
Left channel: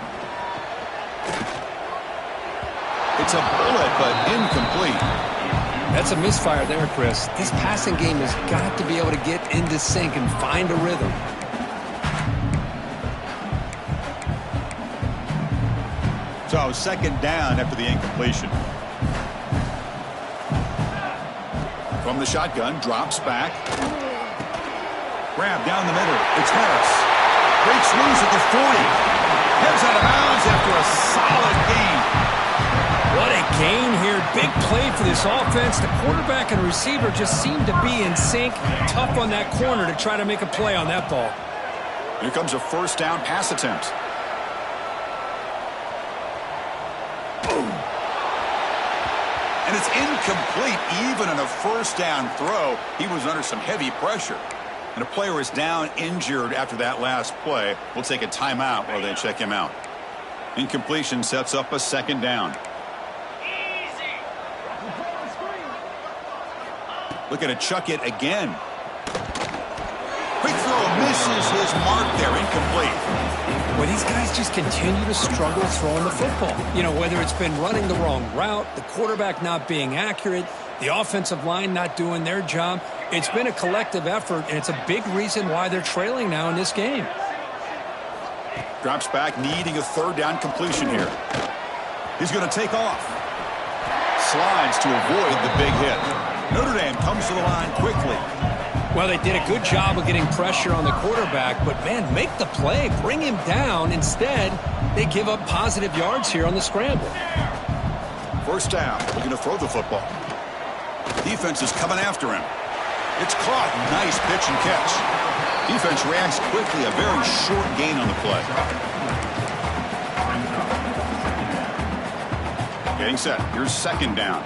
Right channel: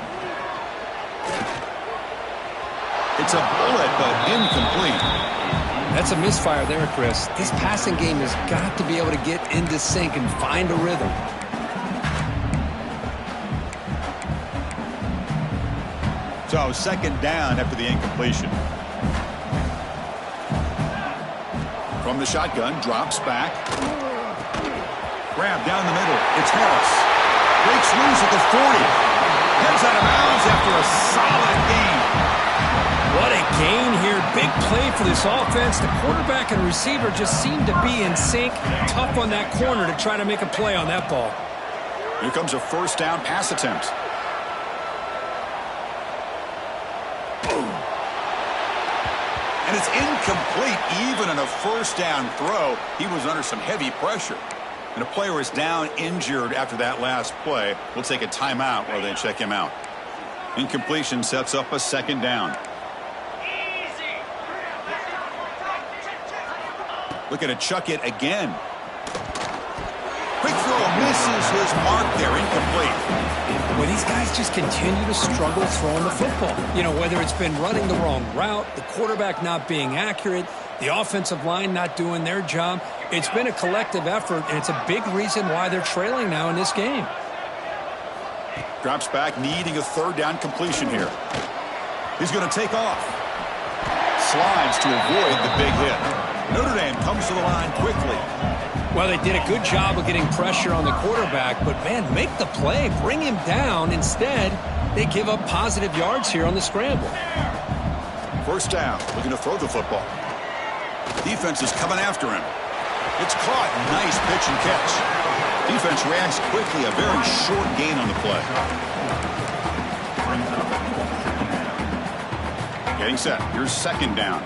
It's a bullet, but incomplete. That's a misfire there, Chris. This passing game has got to be able to get into sync and find a rhythm. So second down after the incompletion. From the shotgun, drops back. Grab down the middle. It's Harris. Breaks loose at the 40. Heads out of bounds after a solid gain. What a gain here. Big play for this offense. The quarterback and receiver just seem to be in sync. Tough on that corner to try to make a play on that ball. Here comes a first down pass attempt. Boom. And it's incomplete even on a first down throw. He was under some heavy pressure. And a player is down injured after that last play. We'll take a timeout while they check him out. Incompletion sets up a second down. Looking to chuck it again. Quick throw misses his mark there. Incomplete. Well, these guys just continue to struggle throwing the football. You know, whether it's been running the wrong route, the quarterback not being accurate, the offensive line not doing their job. It's been a collective effort, and it's a big reason why they're trailing now in this game. Drops back, needing a third down completion here. He's going to take off. Slides to avoid the big hit. Notre Dame comes to the line quickly. Well, they did a good job of getting pressure on the quarterback, but, man, make the play. Bring him down. Instead, they give up positive yards here on the scramble. First down, looking to throw the football. Defense is coming after him. It's caught. Nice pitch and catch. Defense reacts quickly. A very short gain on the play. Getting set. Here's second down.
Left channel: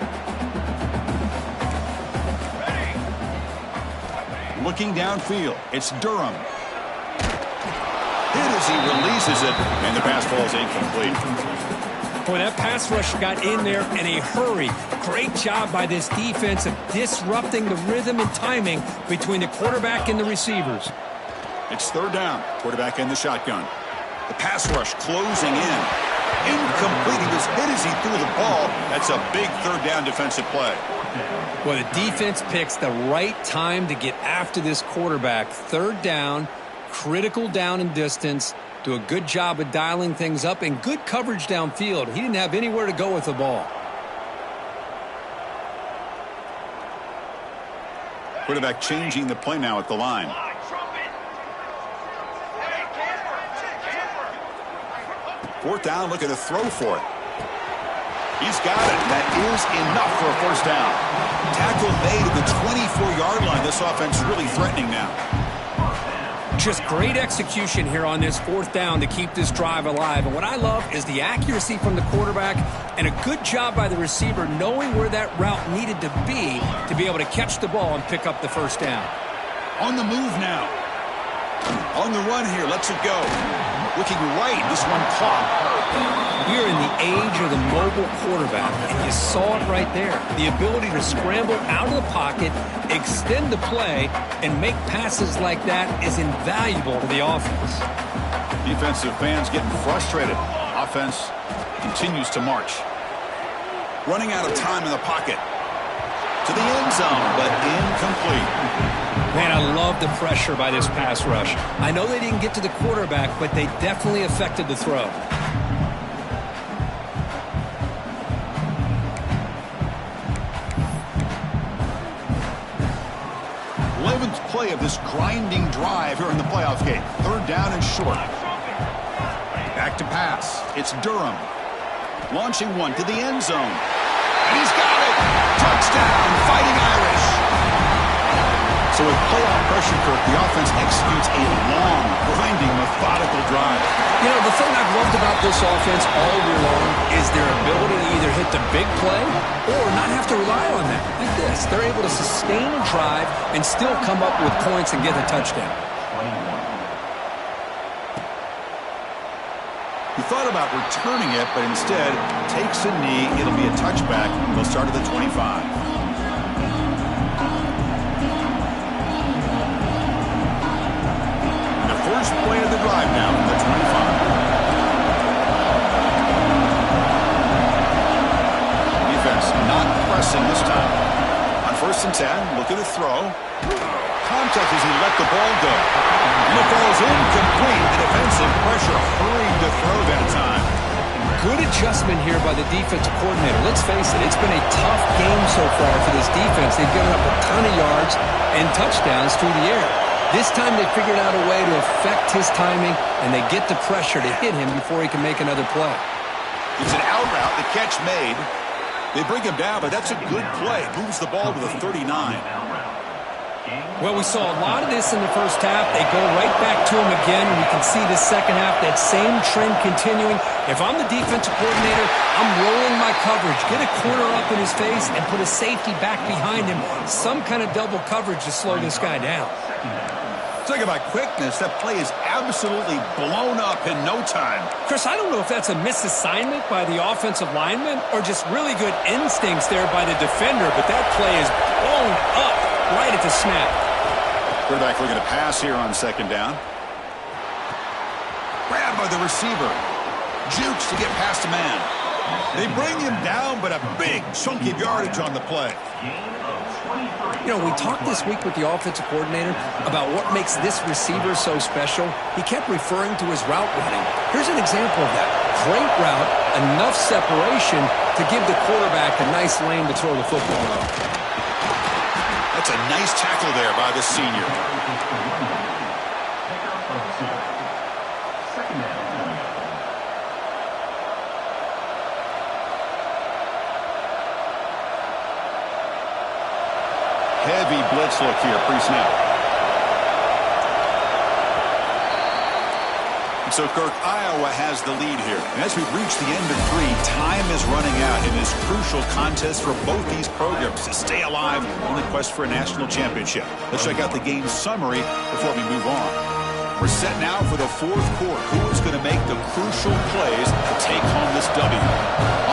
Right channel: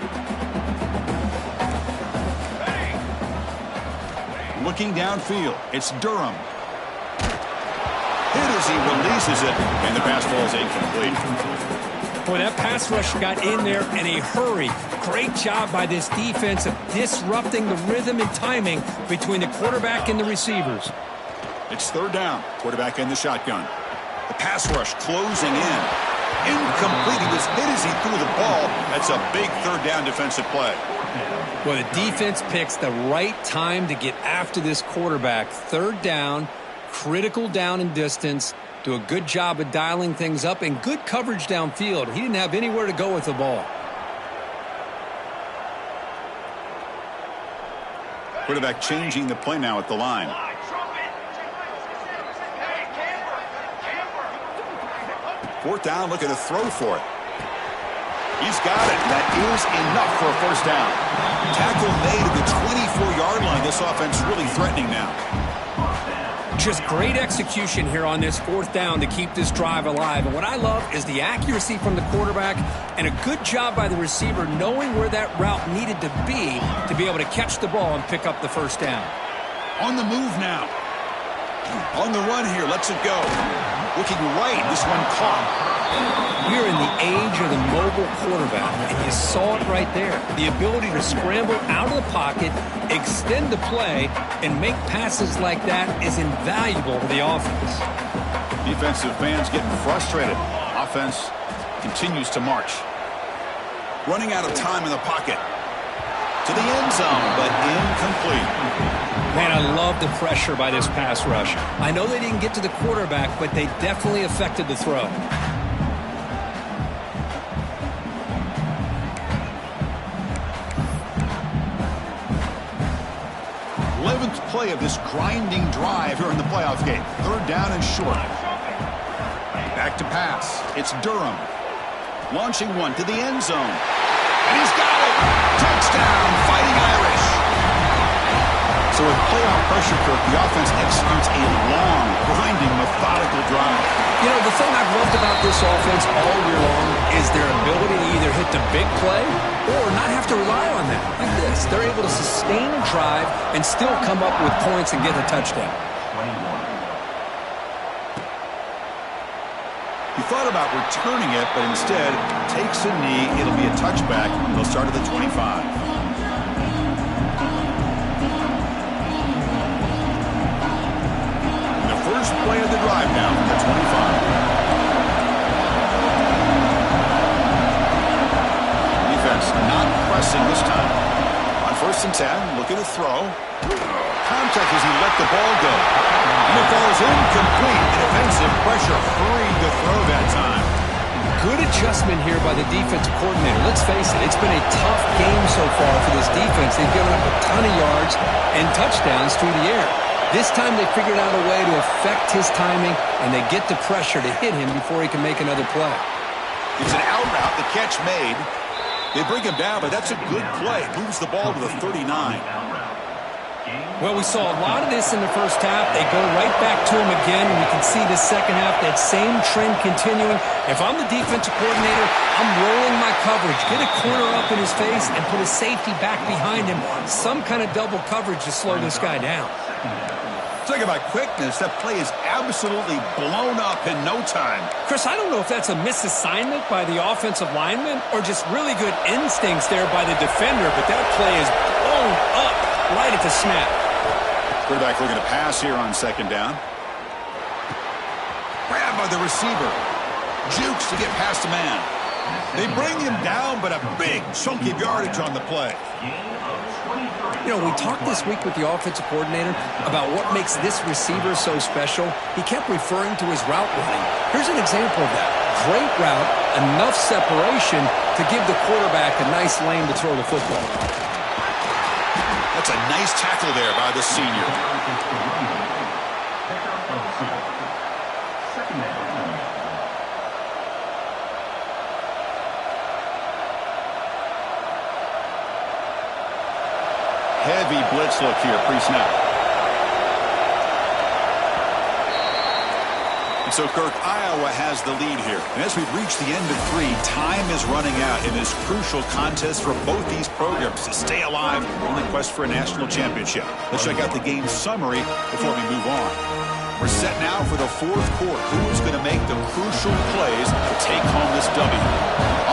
Looking downfield. It's Durham. Hit as he releases it, and the pass ball is incomplete. Boy, that pass rush got in there in a hurry. Great job by this defense of disrupting the rhythm and timing between the quarterback and the receivers. It's third down. Quarterback in the shotgun. The pass rush closing in. Incomplete. He was hit as he threw the ball. That's a big third down defensive play. Well, the defense picks the right time to get after this quarterback. Third down, critical down and distance. Do a good job of dialing things up and good coverage downfield. He didn't have anywhere to go with the ball. Quarterback changing the play now at the line. Fourth down, looking to throw for it. He's got it. That is enough for a first down. Tackle made at the 24-yard line. This offense really threatening now. Just great execution here on this fourth down to keep this drive alive. And what I love is the accuracy from the quarterback and a good job by the receiver knowing where that route needed to be able to catch the ball and pick up the first down. On the move now. On the run here. Lets it go. Looking right. This one caught. We're in the age of the mobile quarterback, and you saw it right there. The ability to scramble out of the pocket, extend the play, and make passes like that is invaluable to the offense. Defensive fans getting frustrated. Offense continues to march. Running out of time in the pocket. To the end zone, but incomplete. Man, I love the pressure by this pass rush. I know they didn't get to the quarterback, but they definitely affected the throw. 11th play of this grinding drive here in the playoff game. Third down and short. Back to pass. It's Durham. Launching one to the end zone. And he's got it! Touchdown, Fighting Irish! So with playoff pressure, Kirk, the offense executes a long, grinding, methodical drive. You know, the thing I've loved about this offense all year long is their ability to either hit the big play or not have to rely on that. Like this, they're able to sustain a drive and still come up with points and get a touchdown. He thought about returning it, but instead takes a knee. It'll be a touchback. They'll start at the 25. First play of the drive now from the 25. Defense not pressing this time. On 1st and 10, looking to throw. Contact as he let the ball go. And it falls incomplete. The defensive pressure hurried to throw that time. Good adjustment here by the defensive coordinator. Let's face it, it's been a tough game so far for this defense. They've given up a ton of yards and touchdowns through the air. This time they figured out a way to affect his timing, and they get the pressure to hit him before he can make another play. It's an out route, the catch made. They bring him down, but that's a good play. Moves the ball to the 39. Well, we saw a lot of this in the first half. They go right back to him again. We can see the second half, that same trend continuing. If I'm the defensive coordinator, I'm rolling my coverage. Get a corner up in his face and put a safety back behind him. Some kind of double coverage to slow this guy down. Talk about quickness. That play is absolutely blown up in no time. Chris, I don't know if that's a misassignment by the offensive lineman or just really good instincts there by the defender, but that play is blown up right at the snap. Quarterback looking to pass here on second down. Grabbed by the receiver. Jukes to get past a man. They bring him down, but a big chunk of yardage on the play. You know, we talked this week with the offensive coordinator about what makes this receiver so special. He kept referring to his route running. Here's an example of that. Great route, enough separation to give the quarterback a nice lane to throw the football. That's a nice tackle there by the senior. Heavy blitz look here, pre-snap. And so, Kirk, Iowa has the lead here. And as we've reached the end of 3, time is running out in this crucial contest for both these programs to stay alive in the quest for a national championship. Let's check out the game summary before we move on. We're set now for the 4th quarter. Who is going to make the crucial plays to take home this W?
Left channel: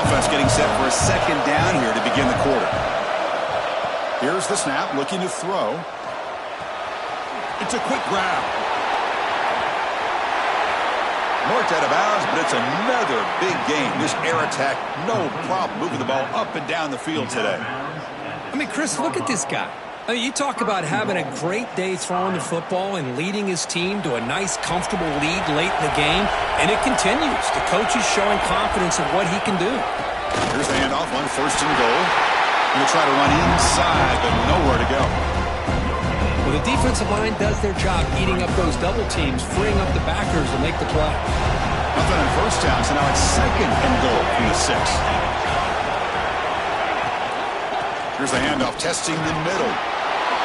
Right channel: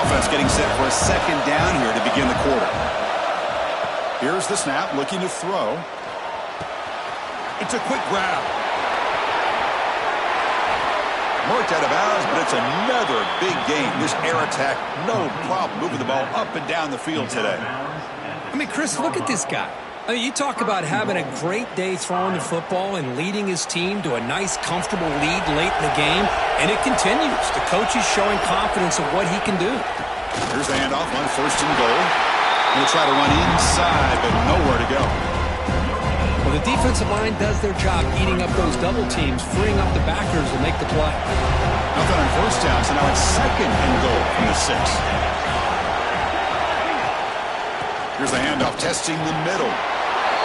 Offense getting set for a 2nd down here to begin the quarter. Here's the snap, looking to throw. It's a quick grab. Marked out of bounds, but it's another big game. This air attack, no problem moving the ball up and down the field today. I mean, Chris, look at this guy. I mean, you talk about having a great day throwing the football and leading his team to a nice, comfortable lead late in the game, and it continues. The coach is showing confidence of what he can do. Here's the handoff on 1st and goal. Going to try to run inside, but nowhere to go. Well, the defensive line does their job eating up those double teams, freeing up the backers to make the play. Nothing on 1st down, so now it's 2nd and goal from the 6. Here's the handoff, testing the middle.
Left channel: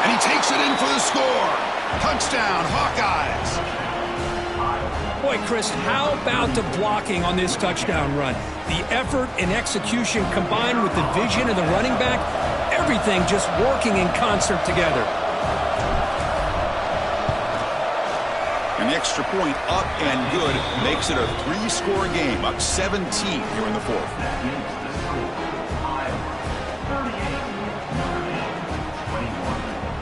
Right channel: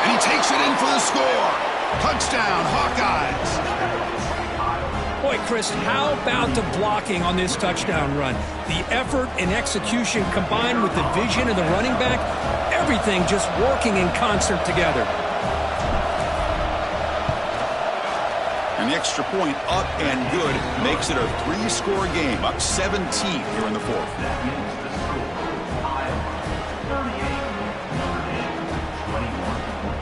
And he takes it in for the score. Touchdown, Hawkeyes. Boy, Chris, how about the blocking on this touchdown run? The effort and execution combined with the vision of the running back, everything just working in concert together. And the extra point up and good makes it a 3-score game, up 17 here in the 4th.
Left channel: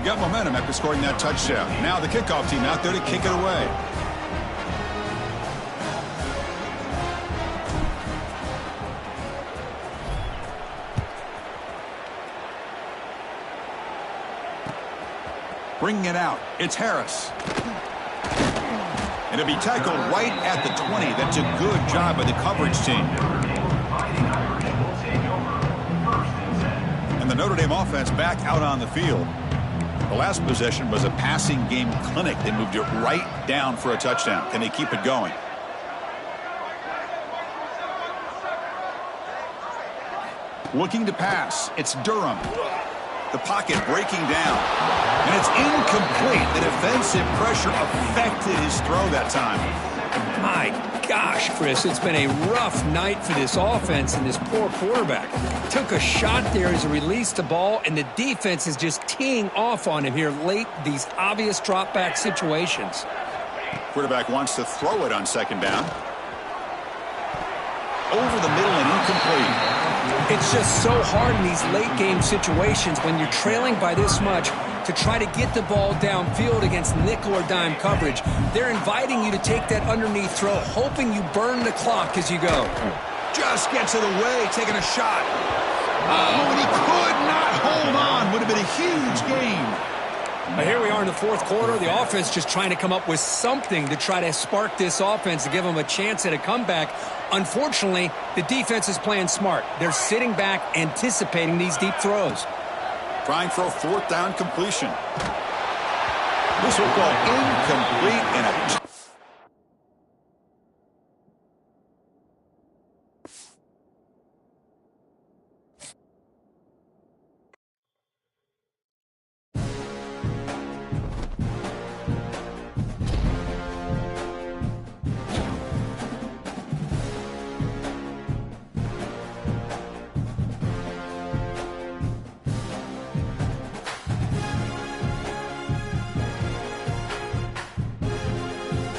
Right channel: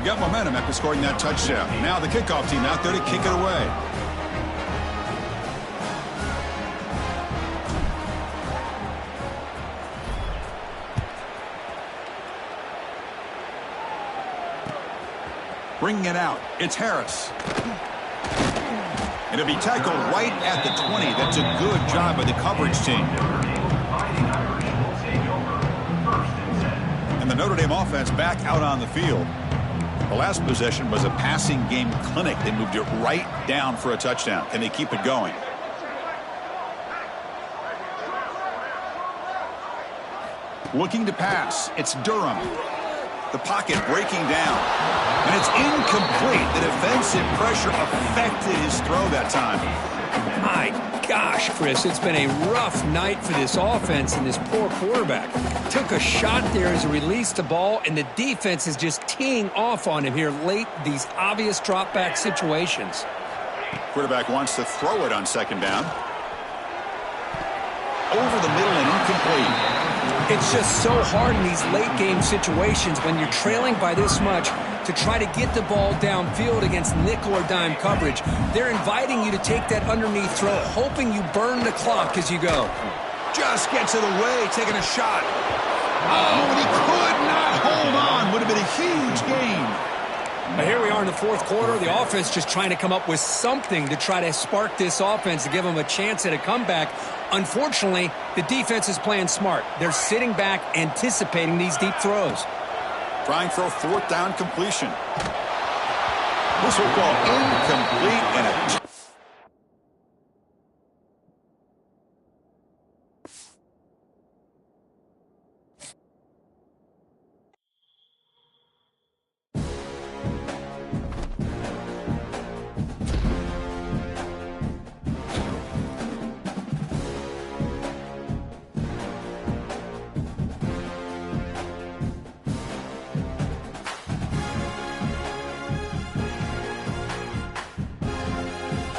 Got momentum after scoring that touchdown. Now the kickoff team out there to kick it away. Bringing it out, it's Harris. And it'll be tackled right at the 20. That's a good job by the coverage team. And the Notre Dame offense back out on the field. The last possession was a passing game clinic. They moved it right down for a touchdown. Can they keep it going? Looking to pass. It's Durham. The pocket breaking down. And it's incomplete. The defensive pressure affected his throw that time. My gosh, Chris, it's been a rough night for this offense and this poor quarterback. Took a shot there as he released the ball, and the defense is just teeing off on him here late, these obvious drop-back situations. Quarterback wants to throw it on 2nd down. Over the middle and incomplete. It's just so hard in these late-game situations when you're trailing by this much to try to get the ball downfield against nickel or dime coverage. They're inviting you to take that underneath throw, hoping you burn the clock as you go. Just gets it away, taking a shot. Oh, and he could not hold on. Would have been a huge gain. But here we are in the 4th quarter. The offense just trying to come up with something to try to spark this offense to give them a chance at a comeback. Unfortunately, the defense is playing smart. They're sitting back, anticipating these deep throws. Trying for a 4th down completion. This will call incomplete and a